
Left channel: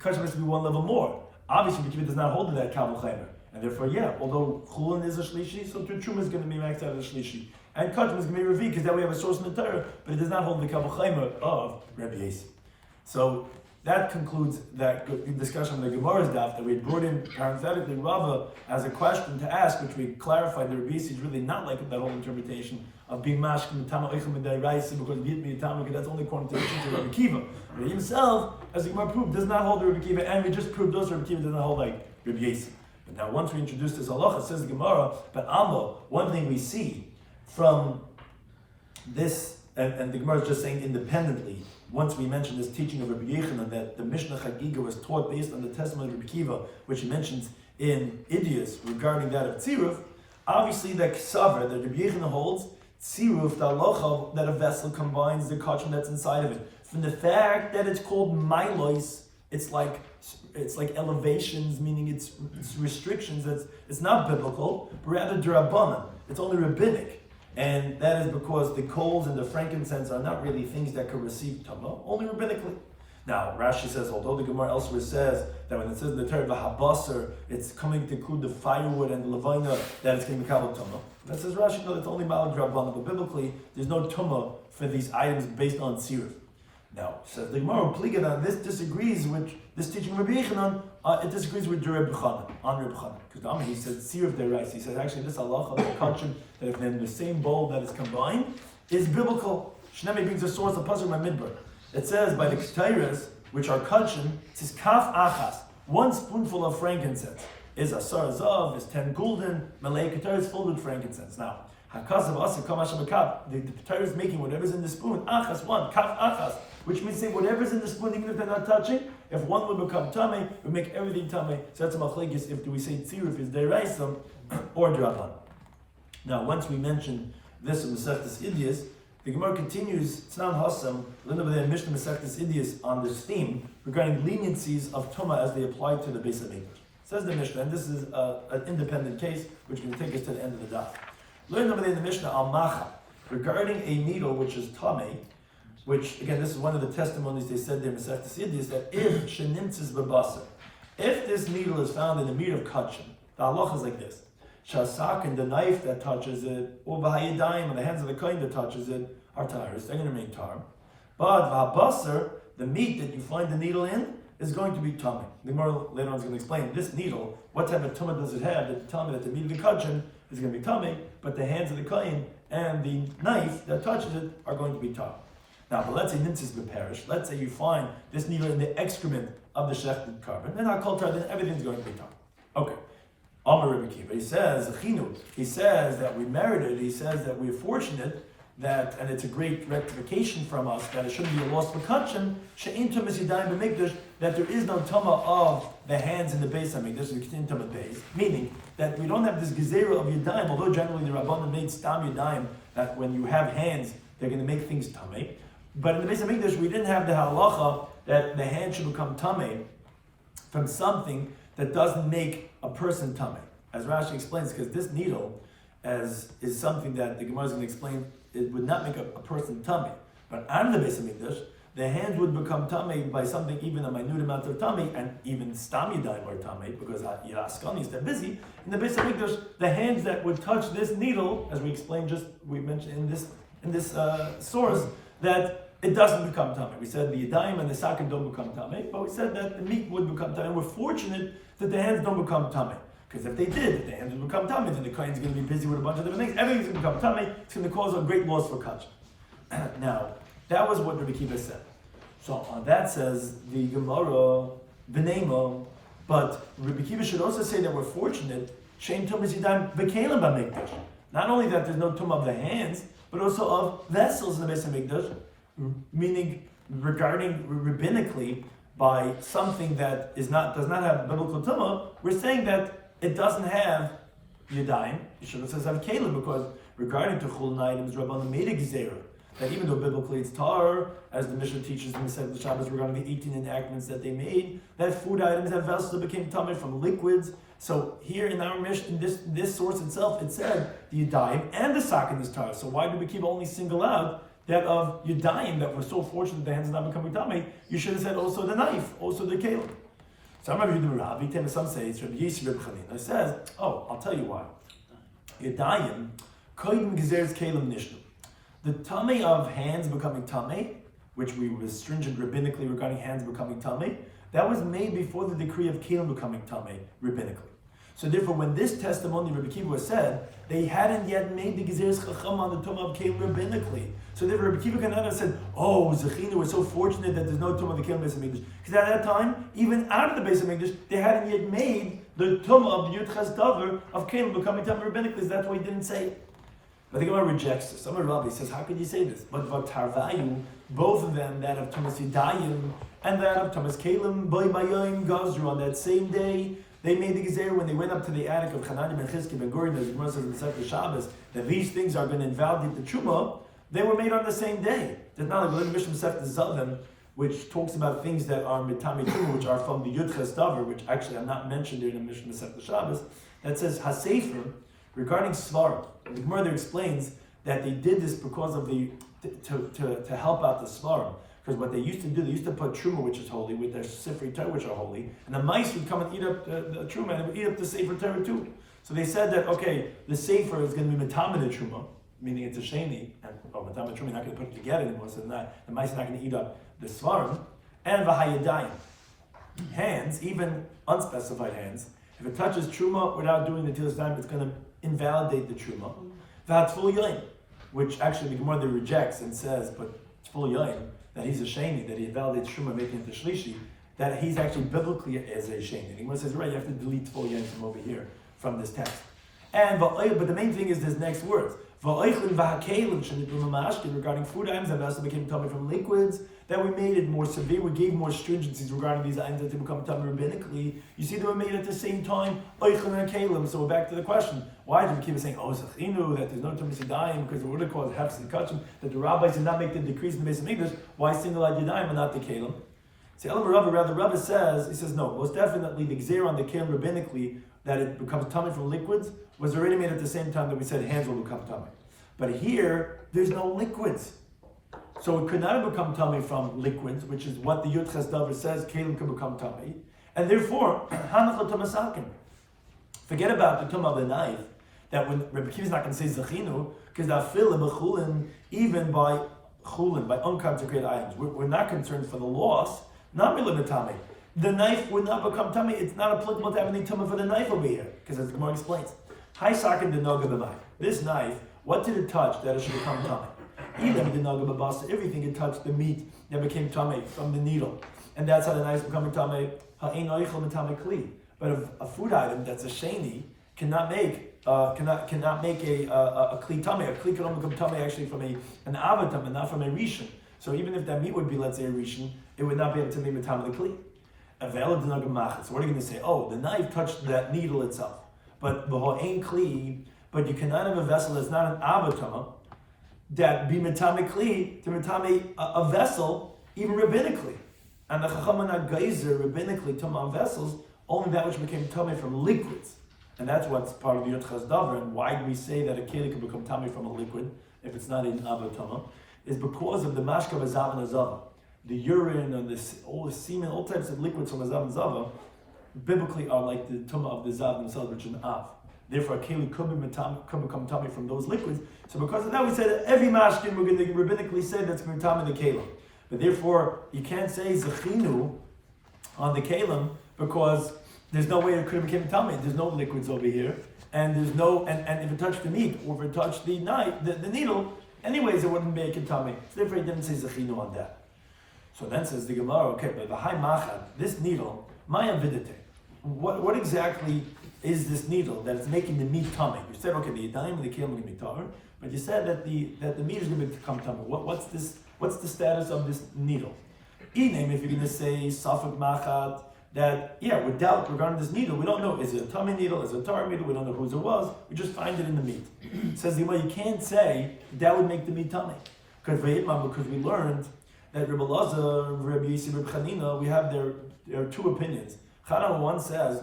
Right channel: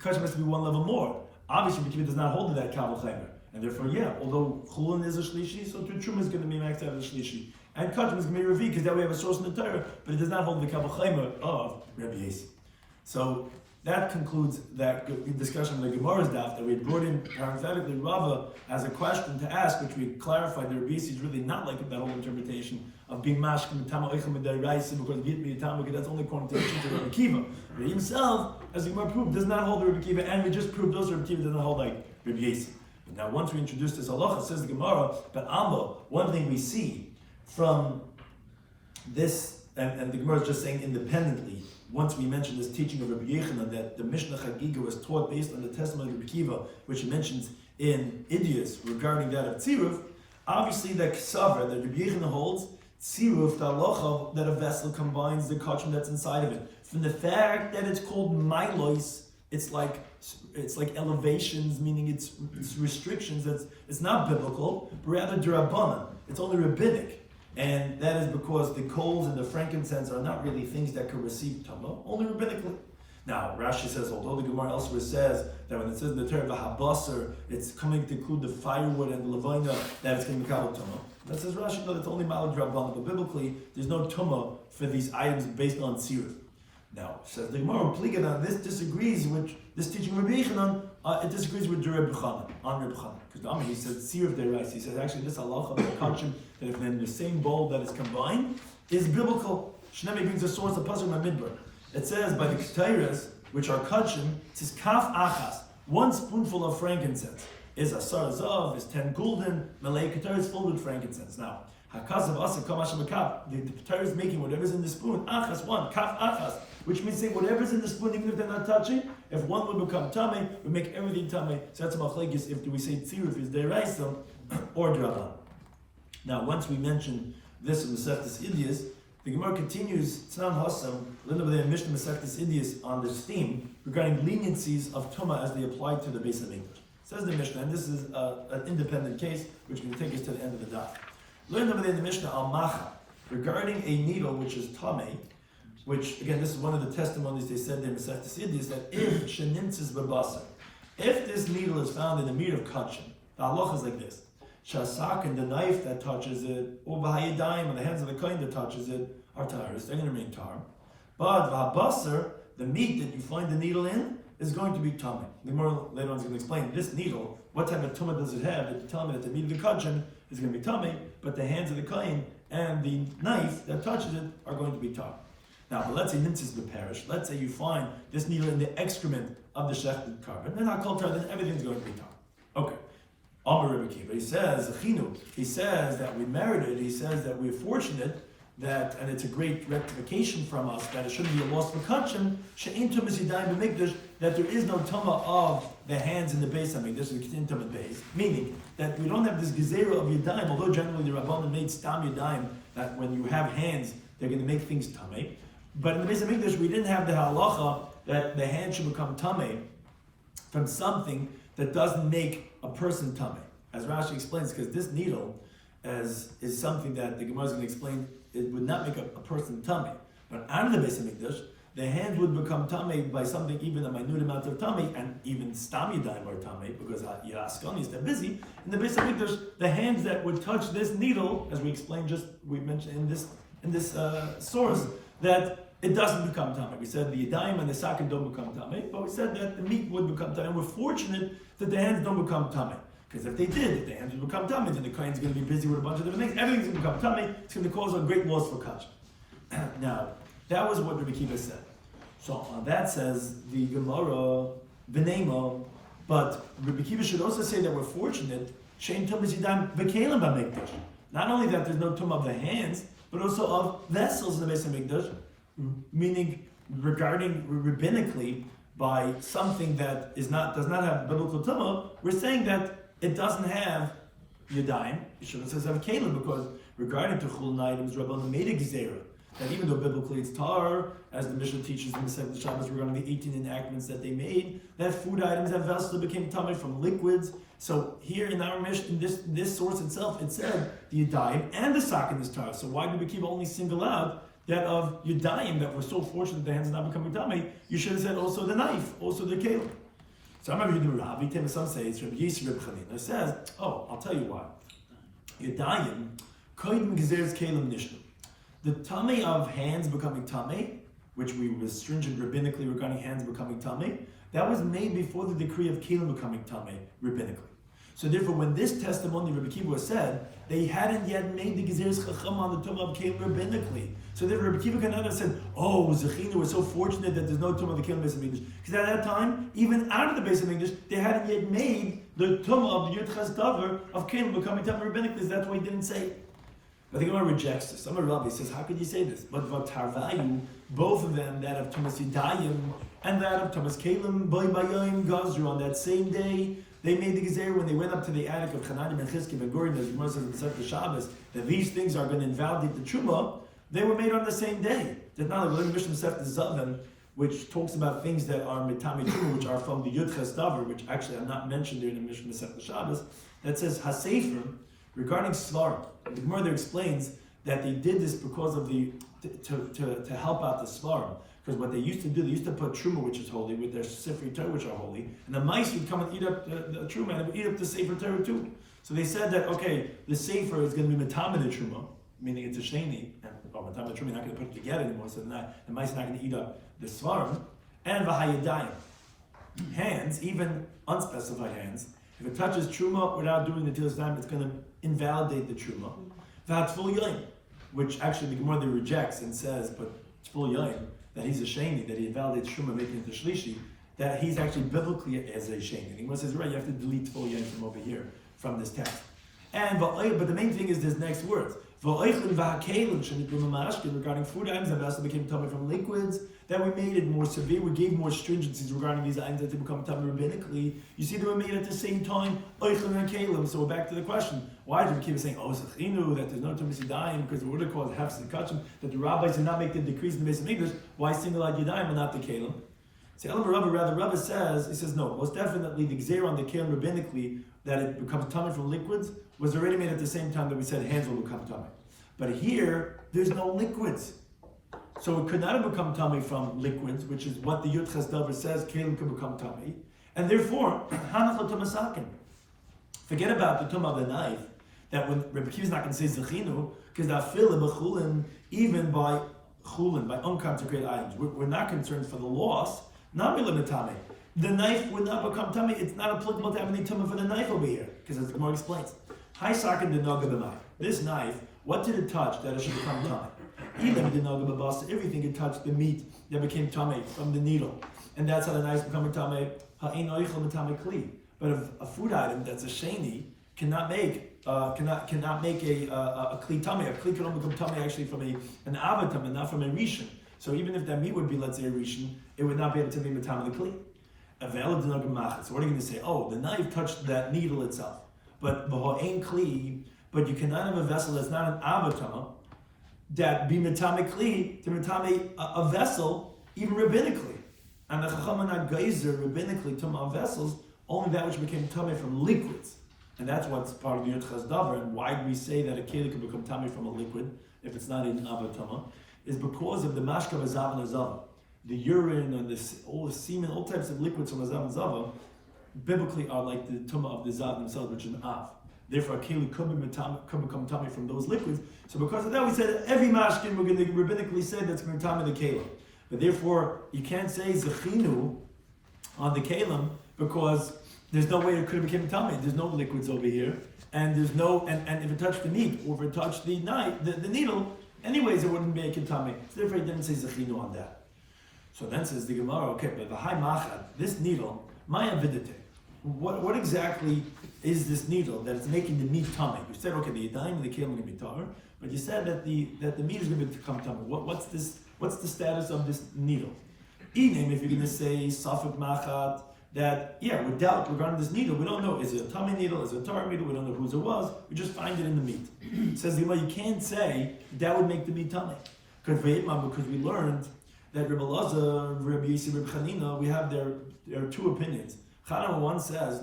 kachim has to be one level more. Obviously, Rabbi Kiva does not hold to that kavachema. And therefore, although chulin is a shlishi, so truma is going to be maxed out as a shlishi. And kachim is going to be revi, because then we have a source in the Torah, but it does not hold the kavachema of Rabbi Yesi. So that concludes that discussion of the Gemara's daf that we had brought in parenthetically Rava as a question to ask, which we clarified that Rabbi Yisi is really not like that whole interpretation of being mashkim mitama oichem midayraisa because of yit mitama, that's only according to the teaching of Rabbi Kiva. But himself, as the Gemara proved, does not hold the Rabbi Kiva, and we just proved those Rabbi Kiva does not hold like Rabbi Yisi. But now once we introduce this halacha, says the Gemara, but Amo, one thing we see from this, and the Gemara is just saying independently, once we mentioned this teaching of Rabbi Yechanan that the Mishnah Chagiga was taught based on the testimony of Rabbi Kiva, which he mentions in Idias regarding that of Tziruf, obviously that Ksaver, that Rabbi Yechanan holds, Tziruf, the halacha, that a vessel combines the kachim that's inside of it. From the fact that it's called Milos, it's like elevations, meaning it's restrictions, it's not biblical, but rather Durabanan, it's only rabbinic. And that is because the coals and the frankincense are not really things that could receive Tumah, only rabbinically. Now, Rashi says, although the Gemara elsewhere says that when it says in the Torah V'habasar, it's coming to include the firewood and the levina, that it's going to be Kabbalah Tumah. That says Rashi, no, it's only Malad Rabbanah, but biblically, there's no Tumah for these items based on Tziruf. Now, says the Gemara, Pligadan, this disagrees with this teaching of Rabbi Yechanan, it disagrees with Rabbi Chanan, on Rabbi Chanan. Because he said, Tziruf Derais, he said, actually, this halacha, the kachim, that if in the same bowl that is combined, is biblical. Shnemi brings the source of Pasuk Midbar. It says, by the Ketairas, which are kachim, it says, Kaf Achas, 1 spoonful of frankincense, is Asar Zav, is 10 gulden, Malay Ketairas full with frankincense. Now, Hakasav asa kama shabakab. The Torah is making whatever's in the spoon. Achas one, kaf achas, which means say whatever's in the spoon, even if they're not touching. If one will become tummy, we make everything tummy. So that's a machlekes. If do we say tzir if it's deraisa or draban. Now, once we mention this in Masechtas Idias, the Gemara continues Tznan Hasam, little bit in Mishnah Masechtas Idias on this theme regarding leniencies of Tumah as they apply to the Beis HaMikdash. Says the Mishnah, and this is an independent case which can take us to the end of the daf. Learn over there in the Mishnah Al Macha regarding a needle which is Tameh, which again this is one of the testimonies they said there in Masechtas Idias that if Shenimtzis Babasa, if this needle is found in the meat of Kachin, the halacha is like this. Shasak and the knife that touches it, or v'hayidayim and the hands of the kohen that touches it are tires. They're going to remain tar. But v'habasar, the meat that you find the needle in, is going to be tummy. The Gemara later on is going to explain this needle. What type of tummy does it have? That tell me that the meat of the kachin is going to be tummy, but the hands of the kohen and the knife that touches it are going to be tar. Now, but let's say nintzis beparish. Let's say you find this needle in the excrement of the shechted carbon. Then our culture, then everything's going to be tar. Okay. Amar Rebbe Kiva, he says that we merited, he says that we're fortunate that, and it's a great rectification from us, that it shouldn't be a loss v'kachem, she'in tumas yidayim b'mikdash, that there is no tuma of the hands in the Beis HaMikdash, the Ketin Tumas Beis, meaning that we don't have this gezerah of yidayim, although generally the Rabbanan made stam yidayim, that when you have hands, they're going to make things tameh. But in the Beis HaMikdash, we didn't have the halacha that the hand should become tameh from something that doesn't make a person tameh. As Rashi explains, because this needle is something that the Gemara is going to explain, it would not make a person tameh. But out of the Beis HaMikdash, the hand would become tameh by something even a minute amount of tameh, and even stam yidayim are tameh, because Yiraskani is that busy. In the Beis HaMikdash, the hands that would touch this needle, as we mentioned in this source, that it doesn't become tameh. We said the yidayim and the sakim don't become tameh, but we said that the meat would become tameh. And we're fortunate that the hands don't become tameh. Because if they did, the hands would become tameh, then the kohen's going to be busy with a bunch of different things. Everything's going to become tameh. It's going to cause a great loss for kach. Now, that was what Rabbi Kiva said. So on that says the Gemara, B'neimo, but Rabbi Kiva should also say that we're fortunate, Shein tumas yidayim v'kelim b'mikdash. Not only that there's no tumah of the hands, but also of vessels in the Beis HaMikdash, meaning regarding rabbinically by something that does not have biblical tumah, we're saying that it doesn't have yadayim. It should have says have kelim, because regarding to chulin items, Rabbanan made a gezerah that even though biblically it's tar, as the Mishnah teaches in the Sefer Shabbos regarding the 18 enactments that they made, that food items have vessels that became tameh from liquids. So here in our Mishnah, in this source itself, it said the yadayim and the sakin is tar. So why do we keep only single out that of yadayim, that we're so fortunate the hands are not becoming tameh? You should have said also the knife, also the kelim. Some of you do Rav, some say it's Rabbi Yisrael Reb Chanina. It says, I'll tell you why. Yadayim, koyim gezeres kelim nishnu. The tameh of hands becoming tameh, which we were stringent rabbinically regarding hands becoming tameh, that was made before the decree of kelim becoming tameh rabbinically. So therefore, when this testimony Rabbi Kiva was said, they hadn't yet made the gezeres chacham on the tumah of kelim rabbinically. So therefore, Rabbi Kiva Kanana said, Zechina was so fortunate that there's no tumah of the kelim Beis HaMikdash. Because at that time, even out of the Beis HaMikdash, they hadn't yet made the tumah of the Yud Ches Davar of kelim becoming tumah rabbinically. That's why he didn't say it. But the Gemara rejects this. Some Rabbi says, how could you say this? But Tarvayu, both of them, that of Tumas Yidayim and that of Tumas Kelim, Boy Bayayim Gazru, on that same day, they made the Gezer when they went up to the attic of Hanani ben Chizki ben Gurim, as the Gemara says in the Sefer Shabbos, that these things are going to invalidate the Truma. They were made on the same day. There's not like the Mishnah Sefer Zavim, which talks about things that are mitami Truma, which are from the Yud Ches Davar, which actually are not mentioned in the Mishnah Sefer Shabbos, that says Hasefer, regarding Svarim. The Gemara there explains that they did this because of to help out the Svarim. Because what they used to do, they used to put Truma, which is holy, with their Sifrei Torah, which are holy, and the mice would come and eat up the Truma, and it would eat up the Sefer Torah too. So they said that, okay, the Sefer is going to be Matamid Truma, meaning it's a Sheni, and Matamid Truma, you're not going to put it together anymore, so the mice are not going to eat up the Svarim, and V'hayadayim. Hands, even unspecified hands, if it touches Truma without doing the Tilas Dayim, it's going to invalidate the Truma. V'hatzful Yoim, which actually the Gemara rejects and says, but Tzful Yoim, that he's a sheni, that he validates Truma making it the Shlishi, that he's actually biblically as a sheni. And he says, right, you have to delete Tzful Yoim from over here, from this text. But the main thing is this next word. Regarding food items that also became tummy from liquids, that we made it more severe, we gave more stringencies regarding these items that they become tummy rabbinically. You see, they were made at the same time. So we're back to the question: why did we keep saying zechinu, that there's no tummy yadayim, because the word it called hefs and kachim, that the rabbis did not make the decrees in the Beis Hamikdash? Why single out yadayim and not the kelim? See, Rabbi says, he says no. Most definitely, the gzeir on the kelim rabbinically that it becomes tummy from liquids was already made at the same time that we said hands will become tummy. But here, there's no liquids. So it could not have become tummy from liquids, which is what the Yud Ches Davar says, kelim can become tummy. And therefore, hanach l'tamasakin. Forget about the tumah of the knife, that when Rabbi Kiva is not going to say zechinu, because afil b'chulin, even by chulin, by unconsecrated items, we're not concerned for the loss, not milimitame. The knife would not become tummy. It's not applicable to have any tumah for the knife over here, because as the Gemara explains, Hai sakin denoga b'mai. This knife, what did it touch that it should become tummy? Even denoga b'basa, everything it touched the meat that became tummy from the needle, and that's how the knife become tummy. Ha'ein oichel mitame kli. But a food item that's a sheni cannot make a kli tummy. A kli can only become tummy actually from an avatam and not from a rishon. So even if that meat would be, let's say, a rishon, it would not be able to be mitame the kli. So what are you going to say? Oh, the knife touched that needle itself. But b'ho'ein kli, but you cannot have a vessel that's not an avatam that be mitame kli to mitame a vessel, even rabbinically. And the chacham are not geyser rabbinically tumah vessels, only that which became tummy from liquids. And that's what's part of the Yud Ches Davar. And why do we say that a keli can become tummy from a liquid if it's not in avatamah? Is because of the mashka of azav and azava. The urine and all the semen, all types of liquids from azav and zava, biblically are like the tumah of the zav themselves, which is an av. Therefore, a keli could become tummy from those liquids. So because of that, we say that every mashkin we're going to rabbinically say that's tummy the kelim. But therefore, you can't say zechinu on the kelim because there's no way it could have become tummy. There's no liquids over here, and there's no and if it touched the meat or if it touched the knife, the needle, anyways, it wouldn't make it tummy. So therefore, he didn't say zechinu on that. So then says the Gemara, okay, but the high machad, this needle, maya vidite. What exactly is this needle that is making the meat tummy? You said, okay, the yadayim and the kelim are going to be tar, but you said that the meat is going to become tummy. What's this? What's the status of this needle? Even if you're going to say safek machad, that without regarding this needle, we don't know, is it a tummy needle, is it a tar needle, we don't know whose it was, we just find it in the meat. It says the you can't say that would make the meat tummy. Because we learned that Rabbi Lazar, Rabbi Yisi, Rabbi Chanina, we have there are two opinions. Chanina one says,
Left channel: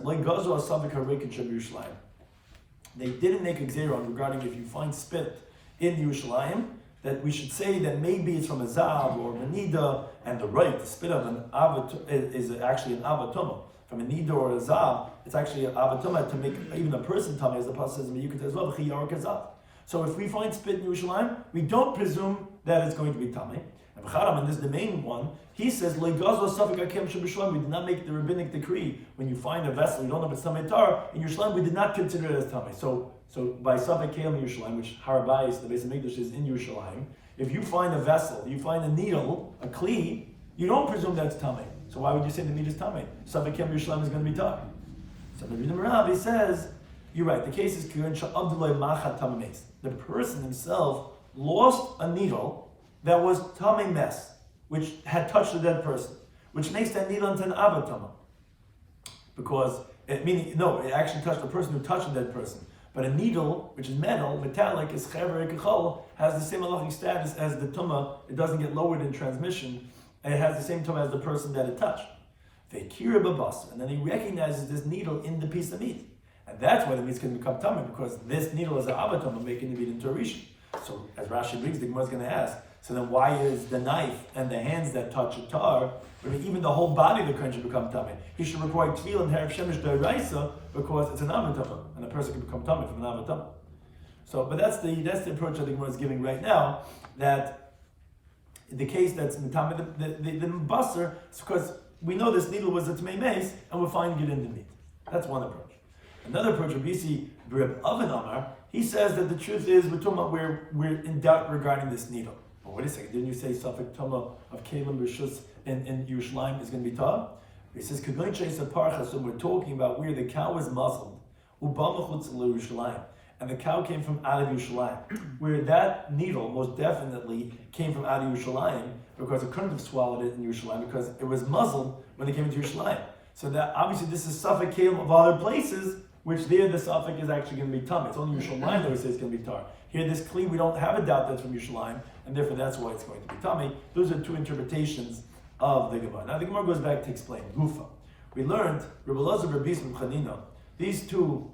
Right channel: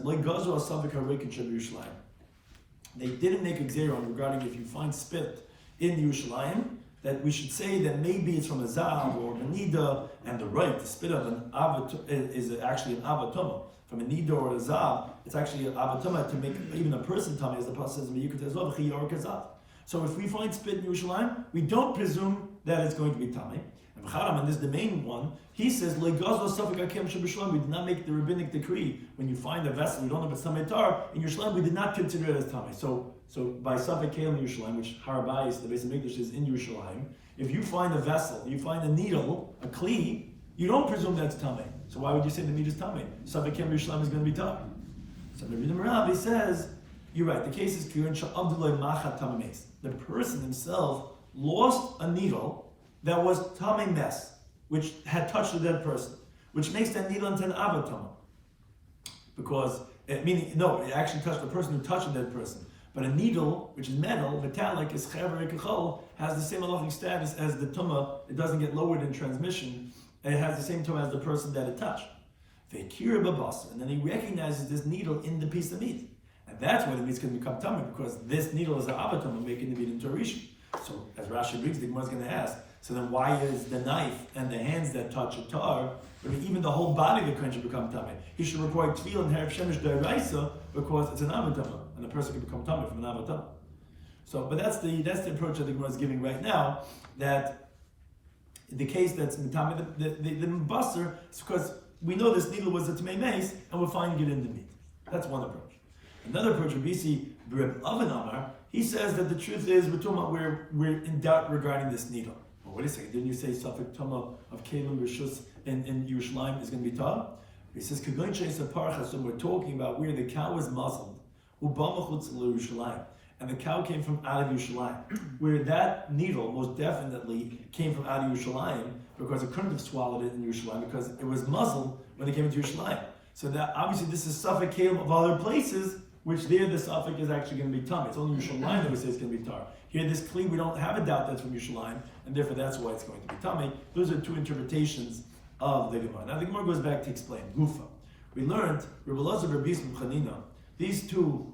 they didn't make a gzeira regarding if you find spit in Yerushalayim, that we should say that maybe it's from a zav or a nida, and the spit of an avat is actually an avatuma. From a nida or a zav, it's actually an avatuma to make even a person tummy, as the pasuk says, as well, chiyaur. So if we find spit in Yerushalayim, we don't presume that it's going to be tummy. And this is the main one. He says, we did not make the rabbinic decree when you find a vessel, you don't know if it's tummy tar, in Yerushalayim, we did not consider it as tummy. So by Safek Kelim in Yerushalayim, which Harabais, the Beis Hamikdash is in Yerushalayim, if you find a vessel, you find a needle, a kli, you don't presume that's tummy. So why would you say the meat is tummy? Safek Kelim Yerushalayim is going to be tummy. So the Rabbi says, you're right, the case is Kirin Sha'abdullah Machat Tamames. The person himself lost a needle that was tummy mess, which had touched a dead person, which makes that needle into an avatama. Because it actually touched the person who touched a dead person. But a needle, which is metal, metallic, is chever kachol, has the same halachic status as the tumah. It doesn't get lowered in transmission. And it has the same tumah as the person that it touched. And then he recognizes this needle in the piece of meat. And that's why the meat's going to become tumah, because this needle is an avatama, making the meat into a rishon. So as Rashi brings, the Gemara is going to ask, so then why is the knife and the hands that touch a tar, or even the whole body of the kohen should become tummy? He should report tefillah and herav shemesh d'oraisa because it's an avatama, and the person can become tummy from an avatama. So, but that's the approach that the Gemara is giving right now. That the case that's mitame the basar is because we know this needle was a tamei mace, and we're finding it in the meat. That's one approach. Another approach would be see Reb Oven Amar. He says that the truth is we're in doubt regarding this needle. But wait a second, didn't you say Safek Tumah of Kelim Rishus in Yerushalayim is going to be tar? He says, we're talking about where the cow is muzzled, Yerushalayim, and the cow came from out of Yerushalayim, where that needle most definitely came from out of Yerushalayim, because it couldn't have swallowed it in Yerushalayim because it was muzzled when it came into Yerushalayim. So that obviously this is suffix kalim of other places, which there the suffix is actually going to be tum. It's only Yerushalayim that we say it's going to be tar. Here this kli we don't have a doubt that's from Yerushalayim, and therefore that's why it's going to be tummy. Those are two interpretations of the Gemara. Now the Gemara goes back to explain Gufa. We learned Rabbi Elazar Rabbi Chanina. These two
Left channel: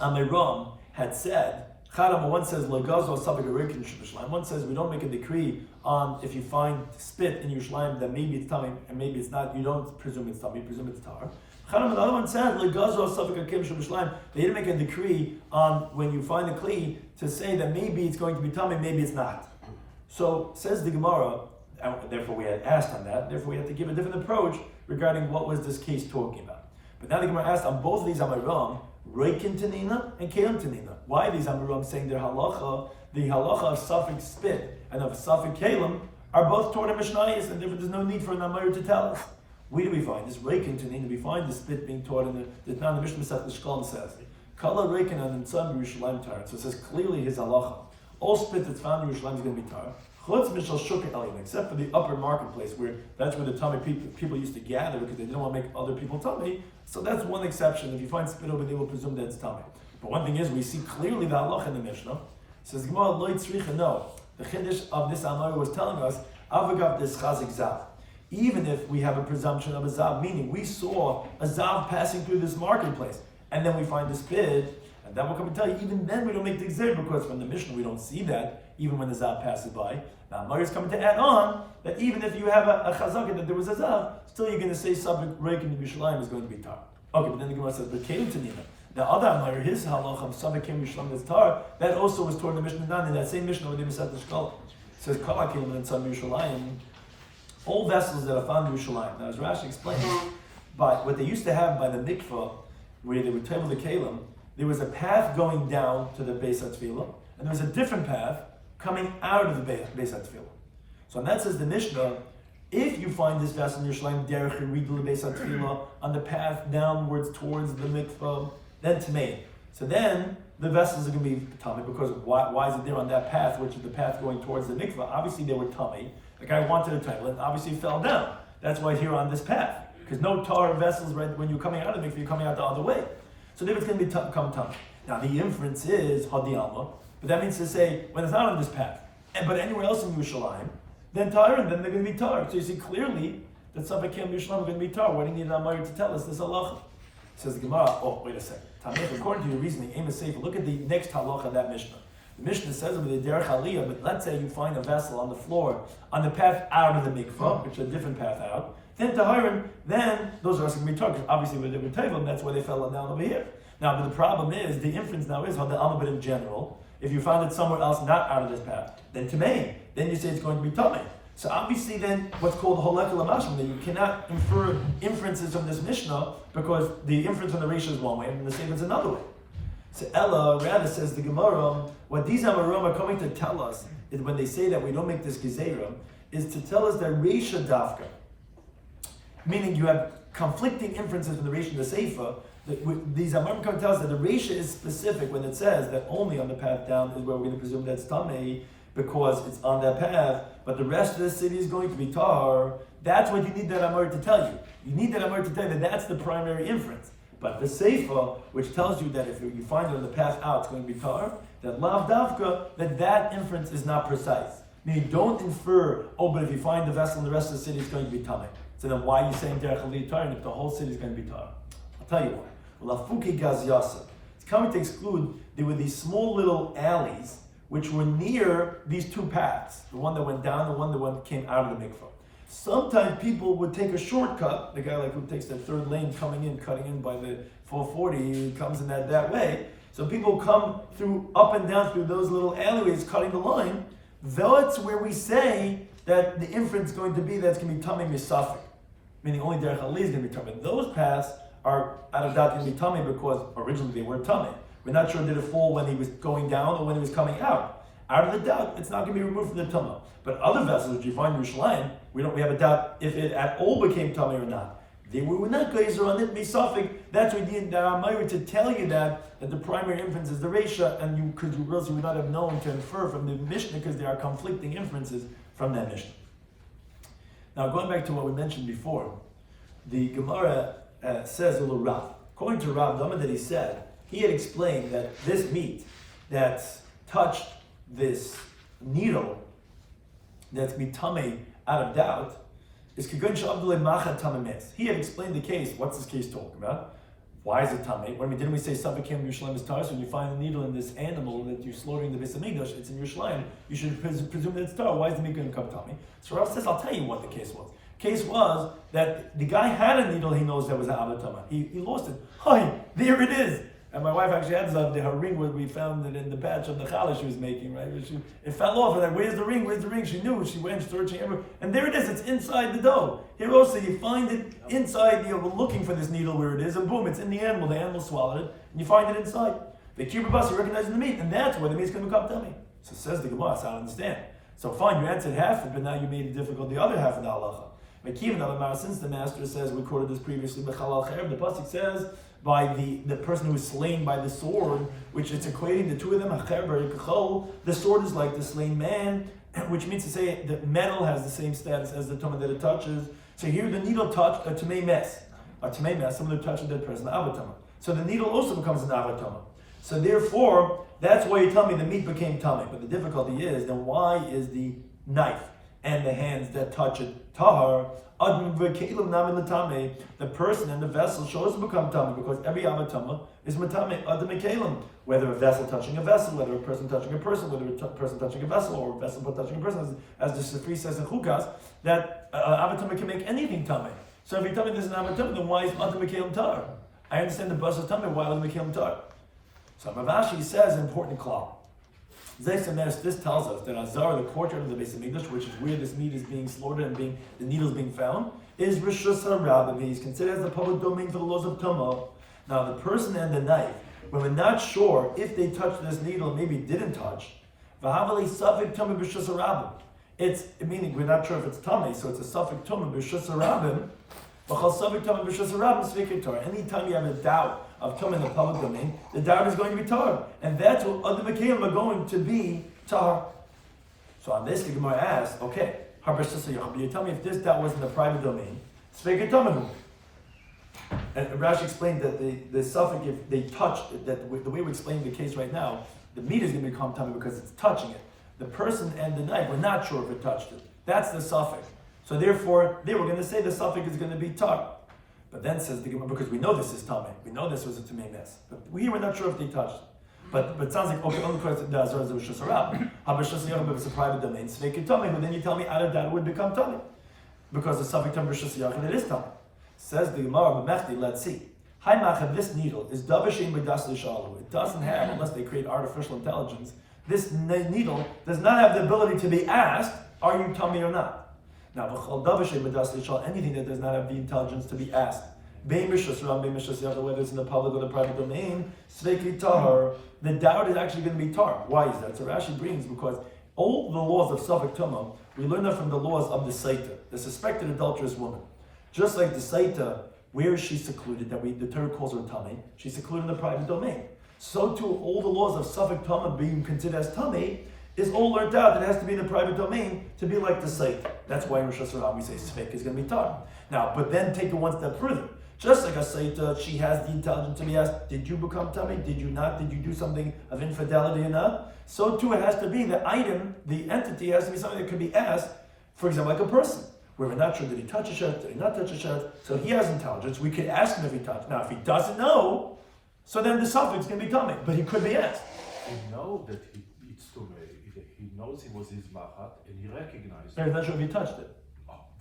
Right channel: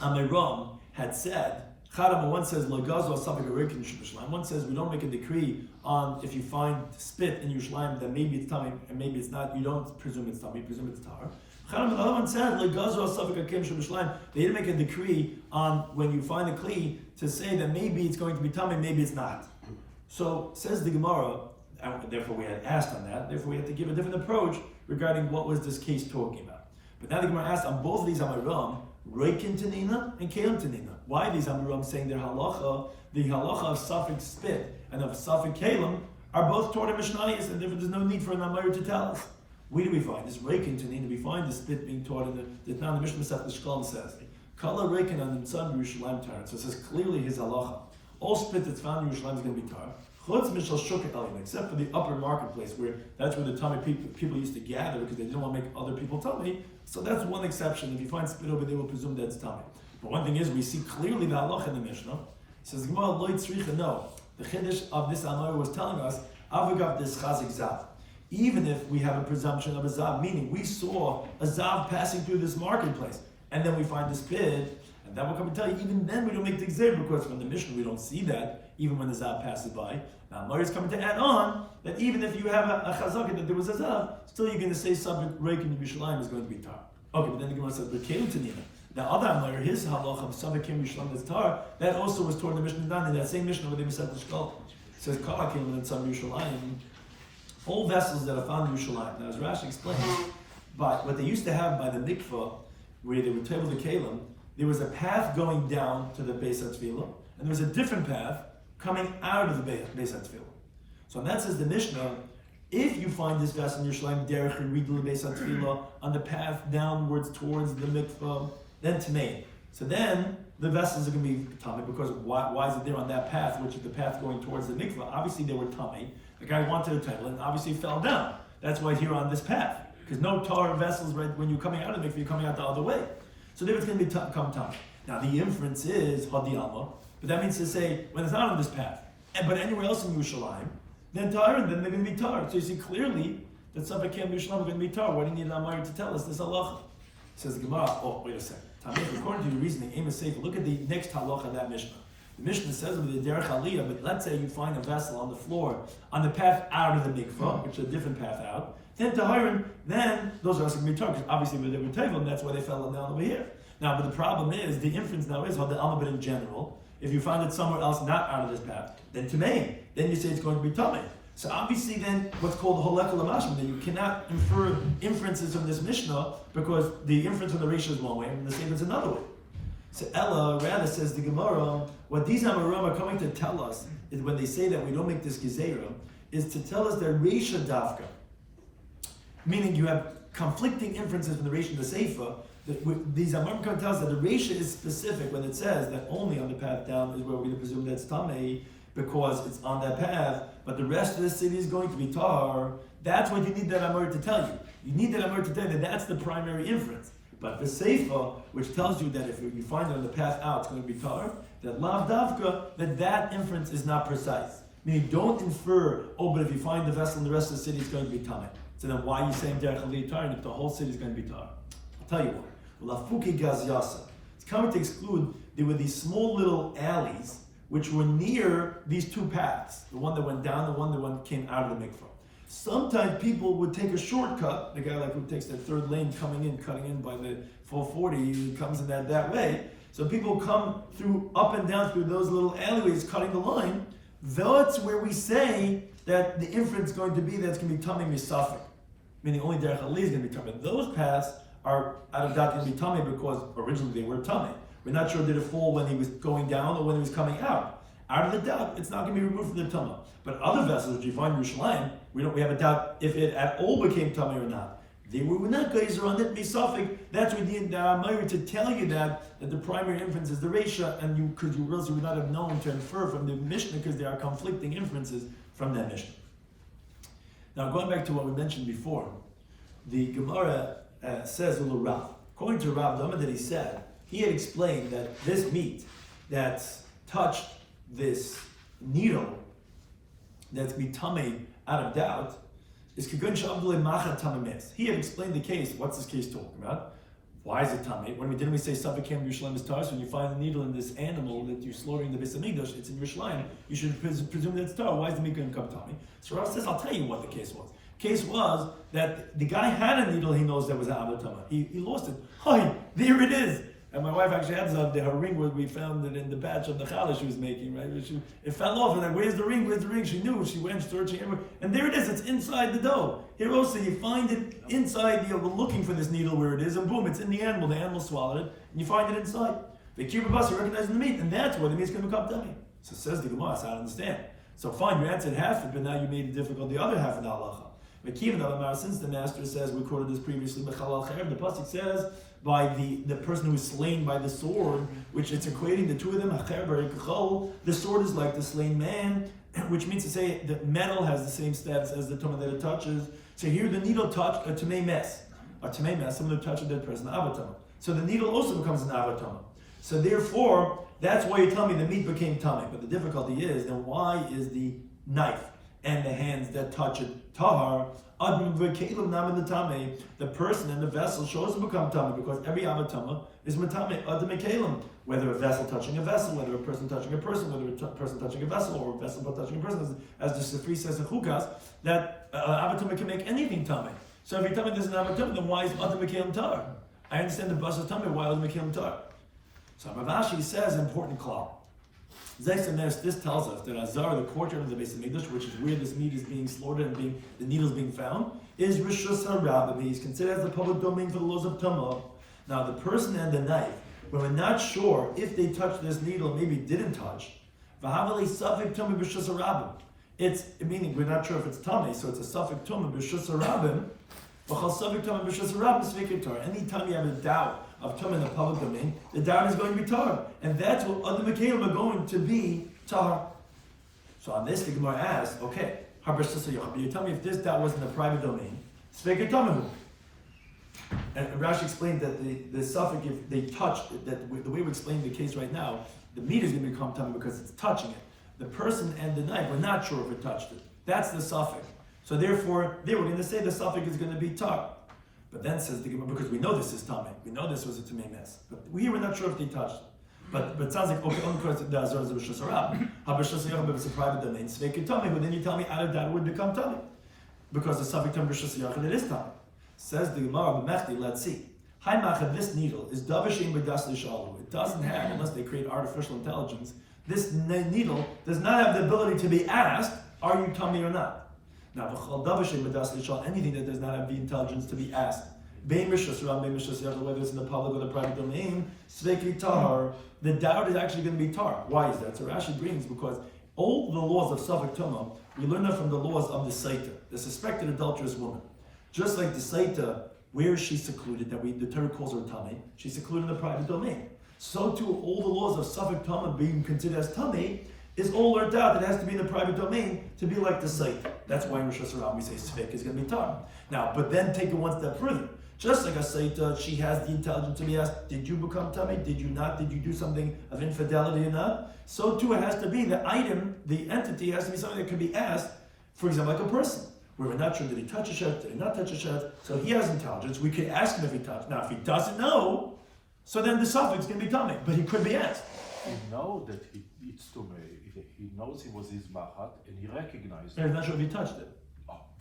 Amiram had said, one says Lagazo Sabik Arikin Yerushalayim. One says we don't make a decree on if you find spit in Yerushalayim that maybe it's tummy and maybe it's not. You don't presume it's tummy, you presume it's tar. Another one said Lagazo Sabik Akim Yerushalayim. They didn't make a decree on when you find a kli to say that maybe it's going to be tummy, maybe it's not. So says the Gemara, and therefore we had asked on that. Therefore we had to give a different approach regarding what was this case talking about. But now the Gemara asked on both of these Amiram, Reikin Tanina and Kelim Tanina. Why these Amiram saying their halacha, the halacha of suffix spit and of suffix Kelim are both toward a Mishnayos, and therefore there's no need for an Amir to tell us. Where do we find this Reikin Tanina? We find the spit being taught in the Mishnah Masech the Shkolm says, Kala Reikin and Son Yerushalayim tar. So it says clearly his halacha. All spit that's found in Yerushalayim is going to be tar. Except for the upper marketplace, where that's where the tummy people used to gather because they didn't want to make other people tummy. So that's one exception. If you find spit over there, we'll presume that's tummy. But one thing is, we see clearly the halach in the Mishnah. It says Gemara lo tzricha no. The chiddush of this Amora was telling us avagav this chazik zav. Even if we have a presumption of a zav, meaning we saw a zav passing through this marketplace, and then we find the spit, and then we'll come and tell you, even then we don't make the gzer because from the Mishnah we don't see that, even when the zav passes by. Now, Amar is coming to add on that even if you have a chazaka that there was a zav, still you're going to say Sabik Reikin Yerushalayim is going to be tar. Okay, but then the Gemara says, but Kelim Tanina. The other Amar, his halach of Sabik Yerushalayim is tar, that also was toward the Mishnah Dan, in that same Mishnah where they said the Shkol. It says, Kala Kelim and Sabik Yerushalayim, all vessels that are found in Yerushalayim. Now, as Rashi explained, but what they used to have by the mikvah, where they would table the Kelim, there was a path going down to the Beis HaTfilah, and there was a different path coming out of the Beis HaTfilah. So that says the Mishnah, if you find this vessel in Yerushalayim, derech yiridu Beis HaTfilah, on the path downwards towards the mikvah, then Tamei. So then the vessels are going to be tummy, because why is it there on that path, which is the path going towards the mikvah? Obviously they were tummy. The guy wanted to table and obviously it fell down. That's why here on this path, because no tar vessels, right, when you're coming out of the mikvah, you're coming out the other way. So then it's going to be come tummy. Now the inference is hadiyama. But that means to say, when it's not on this path, but anywhere else in Yerushalayim, then tar, and then they're going to be tar. So you see clearly that Sabbath Kim Yerushalayim are going to be tar. Why do you need an Amar to tell us this halacha? Says the Gemara, wait a second. According to the reasoning, Aim is safe. Look at the next halacha of that Mishnah. The Mishnah says with the derech aliyah, but let's say you find a vessel on the floor, on the path out of the mikvah, which is a different path out, then tahirin, then those are going to be tar, because obviously when they were table, that's why they fell down over here. Now, but the problem is, the inference now is, the alma, but in general, if you find it somewhere else not out of this path, then tamei, then you say it's going to be tamei. So obviously then, what's called holek l'mashim, that you cannot infer inferences from this Mishnah, because the inference from the Risha is one way, and the same is another way. So Ella, rather says the Gemara, what these Amorim are coming to tell us, is when they say that we don't make this Gezerah, is to tell us that Risha Dafka, meaning you have conflicting inferences from the Risha and the Seifa. These Amorim come to tell us that the Risha is specific when it says that only on the path down is where we're going to presume that's Tamei, because it's on that path, but the rest of the city is going to be Tar. That's what you need that Amor to tell you. You need that Amor to tell you that that's the primary inference. But the Seifa, which tells you that if you find it on the path out, it's going to be Tar, that Lav Davka, that inference is not precise. Meaning, don't infer, but if you find the vessel in the rest of the city, it's going to be Tamei. So then why are you saying Derech Ali Tar, and if the whole city is going to be Tar? I'll tell you why. Lafuki Gaz Yasa. It's coming to exclude, there were these small little alleys which were near these two paths, the one that went down, the one that came out of the mikvah. Sometimes people would take a shortcut, the guy like who takes the third lane coming in, cutting in by the 440, he comes in that way. So people come through up and down through those little alleyways, cutting the line. That's where we say that the inference is going to be that it's going to be Tamei Misafik, meaning only Derech Ali is going to be Tamei. Those paths are out of doubt going to be Tamei because originally they were Tamei. We're not sure did it fall when he was going down or when he was coming out. Out of the doubt, it's not going to be removed from the Tumah. But other vessels, if you find Yerushalayim, we have a doubt if it at all became Tumah or not. They were not geyser on it, misafik. That's what we need to tell you that the primary inference is the Reisha, and you would not have known to infer from the Mishnah because there are conflicting inferences from that Mishnah. Now, going back to what we mentioned before, the Gemara says a little Rav. According to Rav, the moment that he said, he had explained that this meat that's touched this needle that's mitame out of doubt is Kigun Shabdule Machat Tamames. He had explained the case. What's this case talking about? Why is it Tameh? Didn't we say Sabakim Yerushalayim is Tar? So when you find a needle in this animal that you're slaughtering the Beis Hamikdash, it's in Yerushalayim, you should presume that it's Tar. Why is the meat going to come Tameh? So Rav says, I'll tell you what the case was. Case was that the guy had a needle he knows that was an Avatama. He lost it. Hi, there it is. And my wife actually had her ring where we found it in the batch of the challah she was making, right? It fell off, and then, where's the ring? Where's the ring? She knew. She went searching everywhere. And there it is. It's inside the dough. Here also, you find it inside, we're looking for this needle where it is, and boom, it's in the animal swallowed it, and you find it inside. The kibbutz recognizing the meat, and that's where the meat's going to come tummy. So says the Gemara, so I don't understand. So fine, you answered half it, but now you made it difficult the other half of the halacha. Since the master says, we quoted this previously, the pasuk says, by the person who is slain by the sword, which it's equating the two of them, the sword is like the slain man, which means to say that metal has the same status as the tumah that it touches. So here the needle touched a tamei mess, someone who touched a dead person, avatama. So the needle also becomes an avatama. So therefore, that's why you tell me the meat became tummy. But the difficulty is, then why is the knife and the hands that touch it tahar? The person and the vessel should also become tummy, because every avatama is matame adam kelim. Whether a vessel touching a vessel, whether a person touching a person, whether a person touching a vessel, or a vessel touching a person, as the Sifri says in Chukas, that avatama can make anything tummy. So every time there's an avatama, then why is adam kelim tar? I understand the bus of tummy. Why adam kelim tar? So Ravashi says an important klal. This tells us that Azar, the courtyard of the Beis Hamikdash, which is where this meat is being slaughtered and the needle is being found, is Rishus HaRabbi. He's considered as the public domain for the laws of Tumah. Now, the person and the knife, when we're not sure if they touched this needle, maybe didn't touch, it's meaning we're not sure if it's tummy, so it's a suffix tumah b'shus harabim. Anytime you have a doubt of tumah in the public domain, the doubt is going to be tar, and that's what other mekayim are going to be tar. So on this, the Gemara asks, okay, you tell me if this doubt was in the private domain, and Rashi explained that the suffix, if they touched it, that the way we explain the case right now, the meat is going to become tummy because it's touching it. The person and the knife were not sure if it touched it. That's the suffix. So therefore, they were going to say the suffix is going to be tar. But then says the Gemara, because we know this is tummy, we know this was a tummy mess, but we were not sure if they touched it. But it sounds like, okay, only because the Azor is a Rishus HaRabbi. HaBrishus HaYachim is a private domain, so they can tummy, but then you tell me out of that it would become tummy. Because the suffix tum Rishus HaYachim, it is tummy. Says the Gemara, B'mechti, let's see. Hi Machad, this needle is Davashim B'das L'Shalu. It doesn't have, unless they create artificial intelligence, this needle does not have the ability to be asked, are you tummy or not? Now, anything that does not have the intelligence to be asked, whether it's in the public or the private domain, the doubt is actually going to be tar. Why is that? So Rashi brings, because all the laws of Safek Tumah, we learn that from the laws of the Saita, the suspected adulterous woman. Just like the Saita, where is she secluded, that the Torah calls her tummy, she's secluded in the private domain. So too, all the laws of Safek Tumah being considered as tummy is all learned out. It has to be in the private domain to be like the site. That's why in Rosh Hashanah we say Sfeik is going to be tar. Now, but then take it one step further. Just like a Saita, she has the intelligence to be asked, did you become tummy? Did you not? Did you do something of infidelity or not? So too, it has to be the item, the entity has to be something that could be asked, for example, like a person, where we're not sure, did he touch a shirt, did he not touch a shirt? So he has intelligence, we could ask him if he touched. Now, if he doesn't know, so then the suffix is going to be tummy, but he could be asked. He knows that it's tummy. He knows he was his machat, and he recognized it. He's not sure if he touched it.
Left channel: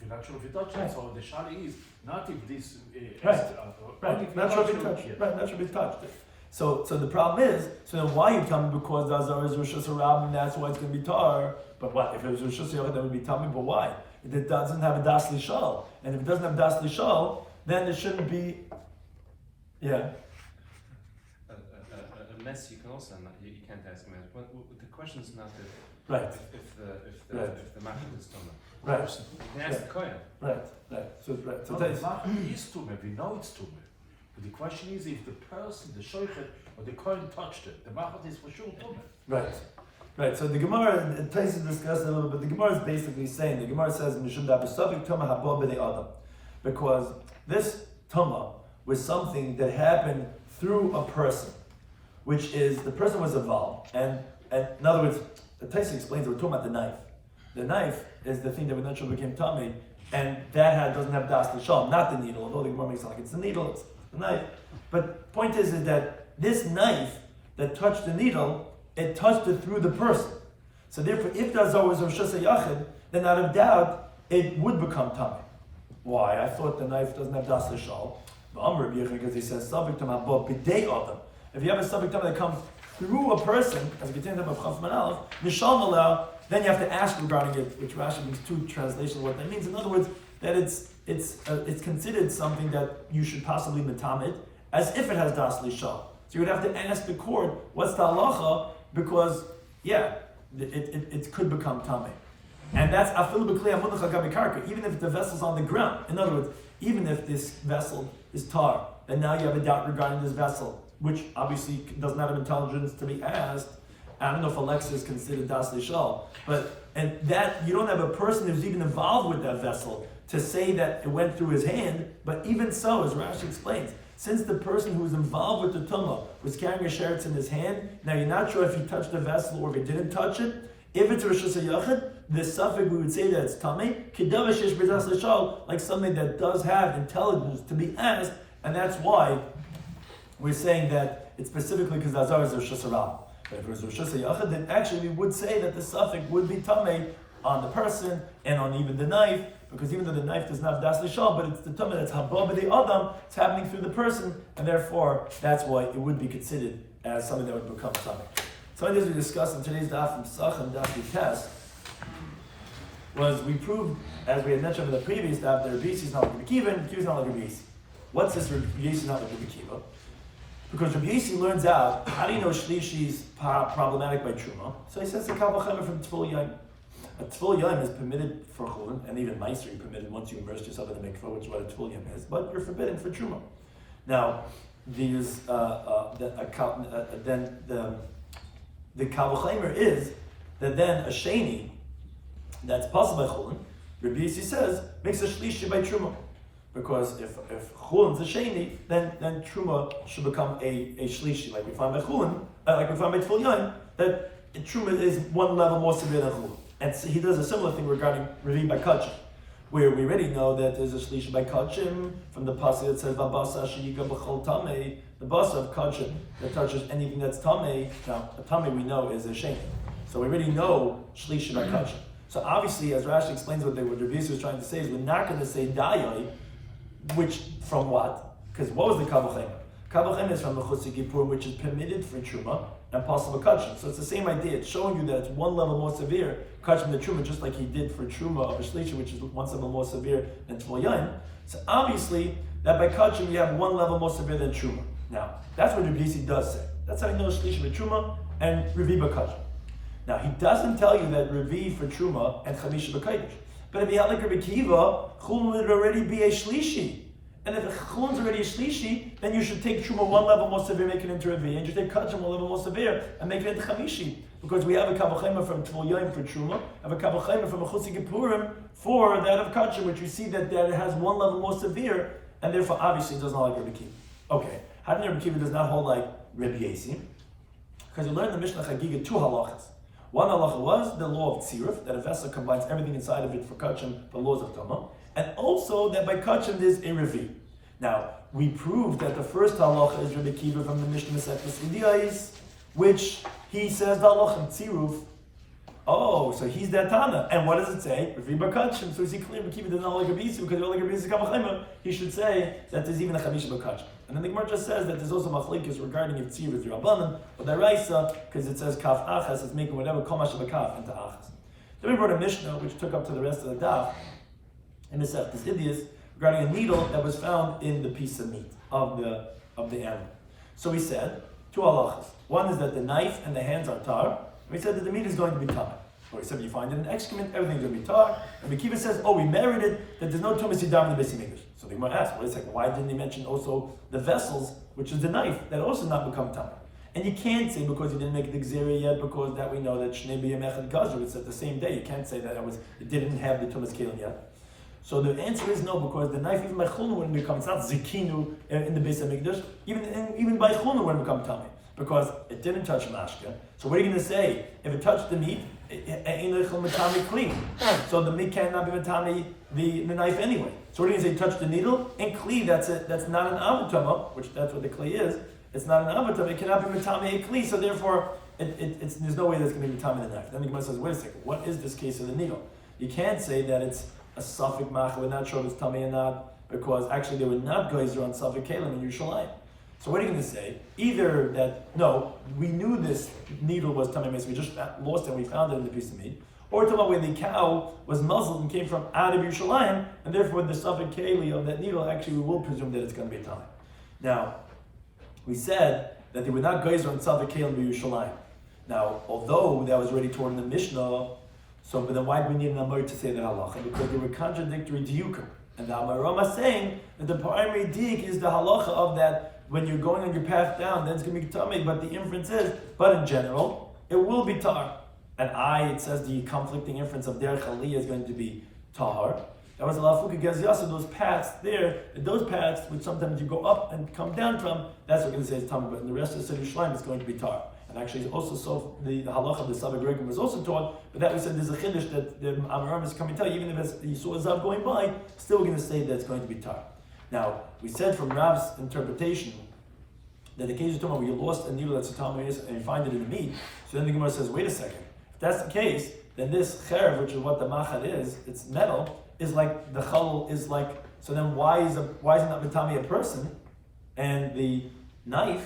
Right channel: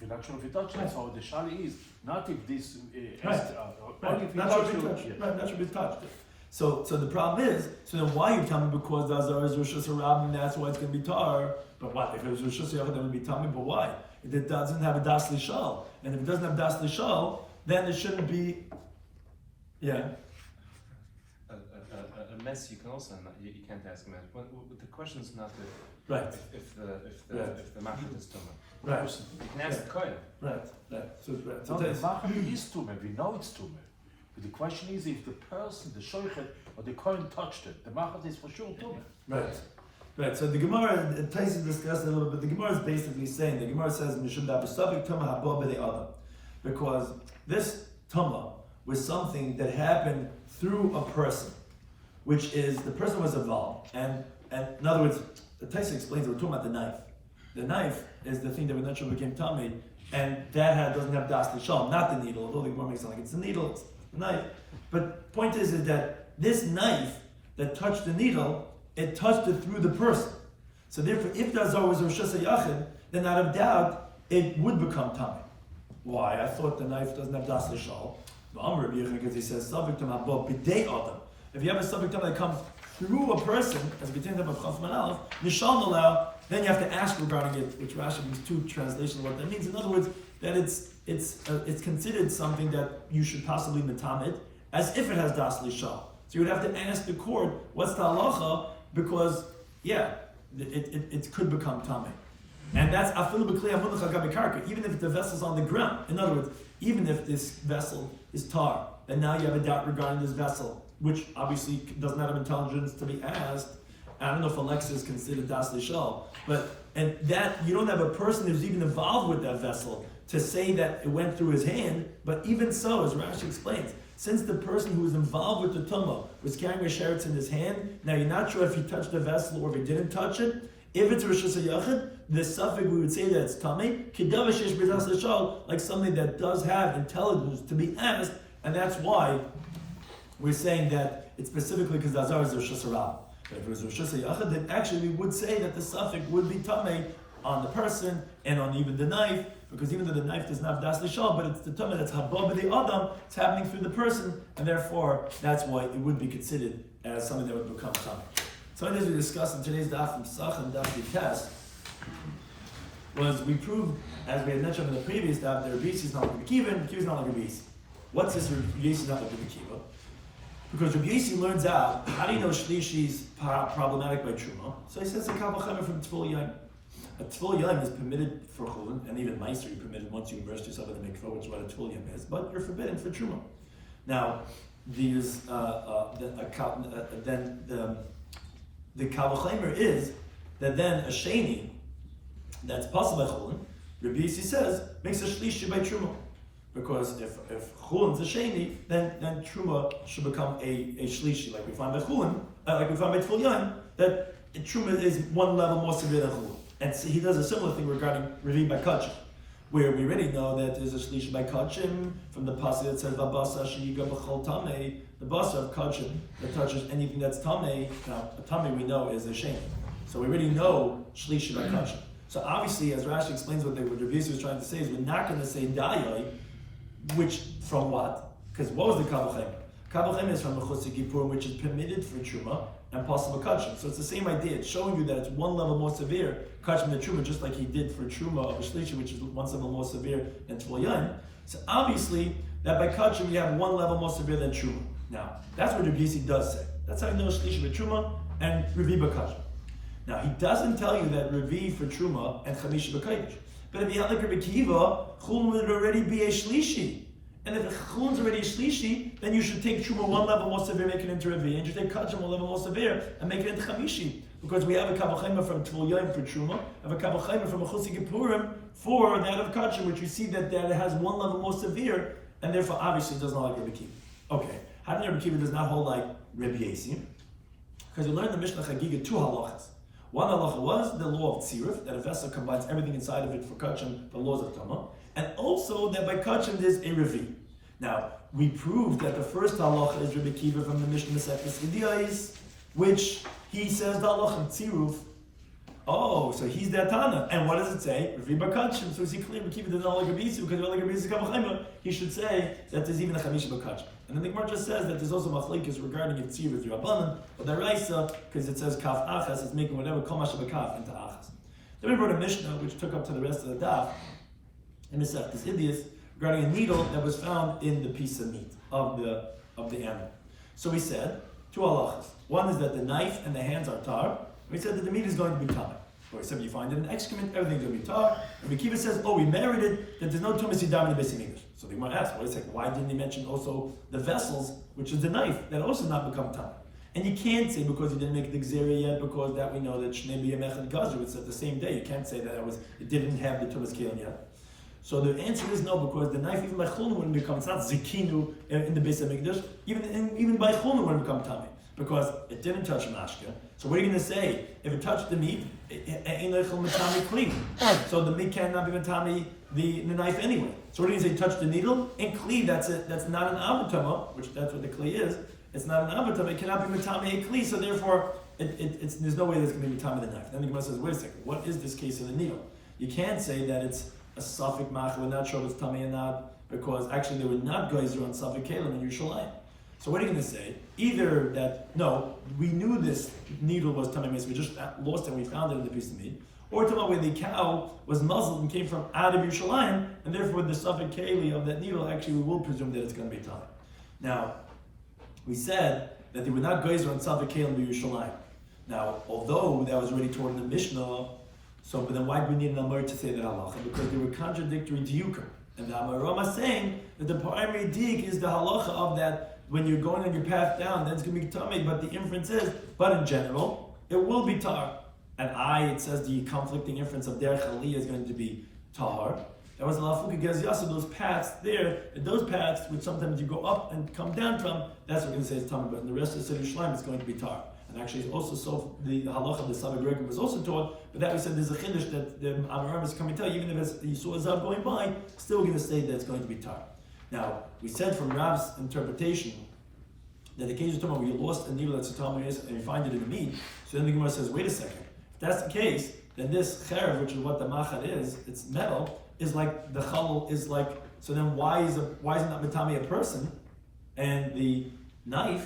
We're not sure if he touched it, so the shali is not if this... Not sure if he touched it. Right, not sure if he touched it. So the problem is, so then why you tell me because the Azar is Rishus HaRabbi and that's why it's going to be tar, but what, if it was Rishus HaRabbi then it would be tummy, but why? If it doesn't have a Das Lishal, and if it doesn't have Das Lishal, then it shouldn't be, yeah. A mess you can also, you can't ask a mess. The question is not Right. if the machad is tumah. Right. person. That's the kohen. Right. So it's right. So No, the Tais- machat is tumah. We know it's tumah. But the question is if the person, the shochet or the kohen touched it, the machat is for sure tumah. Right. So the Gemara, Tais discussed it a little bit. The Gemara is basically saying, the Gemara says, "Mishum da b'safik tumah haba b'nei adam," because this tumah was something that happened through a person, which is the person was involved, and in other words, the Tais explains we're talking about the knife. The knife is the thing that we naturally became tummy, and that doesn't have das l'sham, not the needle. Although the Gemara makes it like it's the needle, it's the knife. But point is that this knife that touched the needle, it touched it through the person. So therefore, if the Azar was Rosh Hashanah, then out of doubt, it would become tummy. Why? I thought the knife doesn't have das l'sham. Because he says, "Sabik tamah bo b'dei adam." If you have a sabik tamah that comes through a person, as we contain about Chaf Manal, Nishal Malau, then you have to ask regarding it, which Rashi means two translations what that means. In other words, that it's considered something that you should possibly metamid, as if it has das l'shal. So you would have to ask the court, what's the halacha? Because it could become tamei, and that's afilu b'klei hamunach al gabi karka, even if the vessel's on the ground. In other words, even if this vessel is tar, and now you have a doubt regarding this vessel, which obviously doesn't have intelligence to be asked. I don't know if Alexa is considered das l'shal, and that you don't have a person who's even involved with that vessel to say that it went through his hand. But even so, as Rashi explains, since the person who was involved with the tumah was carrying a sheretz in his hand, now you're not sure if he touched the vessel or if he didn't touch it. If it's a Rosh Hashanah, the suffix we would say that it's tamei, kidav shesh b'das l'shal, like something that does have intelligence to be asked, and that's why we're saying that it's specifically because the Azar is Rosh Hashanah. But if it was Rosh Hashanah, then actually we would say that the suffix would be tamei on the person and on even the knife, because even though the knife does not have das l'shal, but it's the tamei that's haba b'dei adam, it's happening through the person, and therefore that's why it would be considered as something that would become tamei. Something that we discussed in today's Daf Pesachim Daf was we proved, as we had mentioned in the previous Daf, that Rabbi is not like Rabbi Kiva and Rabbi is not like Rabbi. What's this Rabbi is not like Rabbi Kiva? Because Rabbi learns out, how do you know Shlishi is problematic by Truma? So he says the Kavachana from Tful Yain. A Tful Yain is permitted for Chulin, and even Meiser you're permitted once you immerse yourself in the mikvah, which is what a Tful Yain is, but you're forbidden for Truma. Now, there's the Kavachaimer is that then a Sheni that's possible by Chulin, Rabbi Yossi says, makes a Shlishi by Truma. Because if Chulin's a Sheni, then Truma should become a Shlishi, like we find by Chulin, like we find by Tful Yain, that Truma is one level more severe than Chulin. And so he does a similar thing regarding Revi by Kachim, where we already know that there's a Shlishi by Kachim from the pasuk that says, V'basa shiyiga b'chol tamei, the basa of Kachim that touches anything that's tamei. Now, a tamei we know is a Sheni. So we already know Shlishi by Kachim. So obviously, as Rashi explains what Rabbi Yossi was trying to say, is we're not going to say Dayai, which, from what? Because what was the Kavachem? Kavachem is from the Chutz Gipur, which is permitted for Truma and possible Kachim. So it's the same idea. It's showing you that it's one level more severe, Kachim than Truma, just like he did for Truma of a Shlishi, which is one level more severe than Tful Yain. So obviously, that by Kachim you have one level more severe than Truma. Now, that's what Rabbi Yossi does say. That's how you know Shlishi by Truma and Revi by Kachim. Now, he doesn't tell you that Revi for Truma and Chamisha b'Kodesh. But if you had like Rabbi Kiva, Chulun would already be a Shlishi. And if Chulun's already a Shlishi, then you should take Truma one level more severe, make it into Revi, and you should take Kachim one level more severe, and make it into Chamishi. Because we have a Kavachema from Tful Yain for Truma, and a Kavachema from a Chutz Gippurim for that of Kachim, which we see that it has one level more severe, and therefore obviously does not like Rabbi Kiva. Okay, how did Rabbi Kiva does not hold like Rabbi Yossi? Because we learned in the Mishnah Chagiga two halachas. One halacha was the law of tziruf, that a vessel combines everything inside of it for kachim, the laws of Tama, and also that by kachim there's a revi. Now, we proved that the first halacha is Rabbi Kiva from the Mishnah Masechtas Vidiyais, which he says the halacha of tziruf. Oh, so he's that Tana. And what does it say? Revi by kachim. So is he clear Rabbi Kiva does not like Rabbi Yossi, because like Rabbi Yossi Kavachema, he should say that there's even a chamisha by kachim. And then the Gemara just says that there's also machlekes regarding if tzir with Rabbanan or Daraisa, because it says kaf achas is making whatever kol masha b'kaf into achas. Then we brought a Mishnah which took up to the rest of the daf in the Seftas Idias regarding a needle that was found in the piece of meat of the animal. So we said two halachas. One is that the knife and the hands are tar. We said that the meat is going to be tar. So he said, you find it in excrement, everything's going to be tar. And Kiva says, oh, we merited that there's no tumas yidam in the Beis Hamikdash. So they might ask, wait a second, why didn't he mention also the vessels, which is the knife, that also not become tar? And you can't say because you didn't make the gzera yet, because that we know that Shnei B'Yamech and Gazer, it's at the same day. You can't say that it didn't have the tumas kelim yet. So the answer is no, because the knife even by chulun wouldn't become, it's not zikinu in the Beis Hamikdash, even by chulun wouldn't become tummy, because it didn't touch mashka. So what are you going to say? If it touched the meat, matami clean. So the meat cannot be matami the knife anyway. So what are you going to say? Touch the needle and kli. That's it. That's not an avatama, which that's what the kli is. It's not an avatama. It cannot be matami a kli. So therefore, there's no way that's going to be matami the knife. Then the Gemara says, wait a second. What is this case of the needle? You can't say that it's a suffix mach. We're not sure if it's tummy or not, because actually they were not geyser on suffix kalim in Yerushalayim. So what are you going to say? Either that, no, we knew this needle was tummy mace, we just lost it and we found it in the piece of meat. Or talk about when the cow was muzzled and came from out of Yerushalayim, and therefore the suffix keli of that needle, actually we will presume that it's going to be tummy. Now, we said that they were not geyser on suffix kalim in Yerushalayim. Now, although that was already taught in the Mishnah, so then why do we need an Amar to say that halacha? Because they were contradictory diyukim. And the Amarama is saying that the primary diyuk is the halacha of that when you're going on your path down, then it's going to be tummy, but the inference is, but in general, it will be tar. And it says the conflicting inference of derech aliyah is going to be tar. That was lafuka gaz those paths there, and those paths which sometimes you go up and come down from, that's what we're going to say is tummy, but in the rest of the Yerushalayim it's going to be tar. And actually also so the halacha of the Savak Regim was also taught, but that we said there's a chiddush that the Amaram is coming to tell you, even if you saw a zav going by, still we're going to say that it's going to be tar. Now, we said from Rav's interpretation that the case is talking about where you lost a needle that's a tummy and you find it in the meat, so then the Gemara says, wait a second, if that's the case, then this cherev, which is what the machad is, it's metal, is like, the chal is like, so then why is it not mitami a person, and the knife,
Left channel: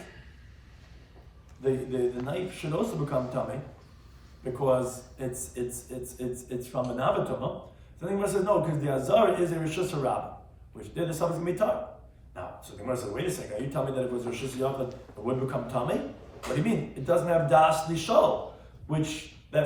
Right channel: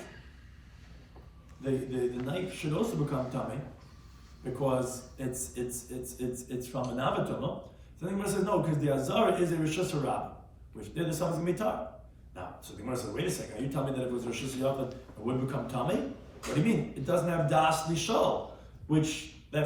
the knife should also become tummy because it's from an avatoma. So the Gemara says no, because the azar is a rishus harab, which there the something's gonna be tar. Now, so the Gemara says, wait a second, are you telling me that if it was rishus yachad, it would become tummy? What do you mean? It doesn't have das lishol, which it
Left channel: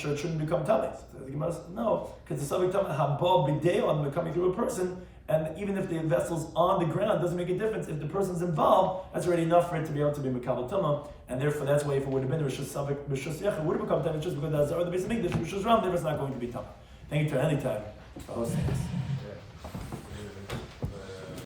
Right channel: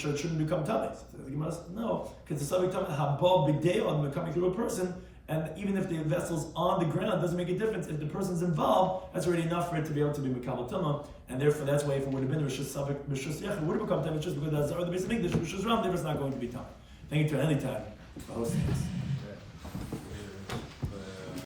shouldn't become tummy. So the Gemara says no, because the something tummy habal b'deon becoming through a person. And even if the vessel's on the ground, it doesn't make a difference. If the person's involved, that's already enough for it to be able to be Mekabel Tumah. And therefore, that's why if it would have been Rishus Savik, Rishus Yechid, it would have become Tumah just because that's the Beis Hamikdash, Rishus Ram, there was not going to be Tumah. Thank you to any time.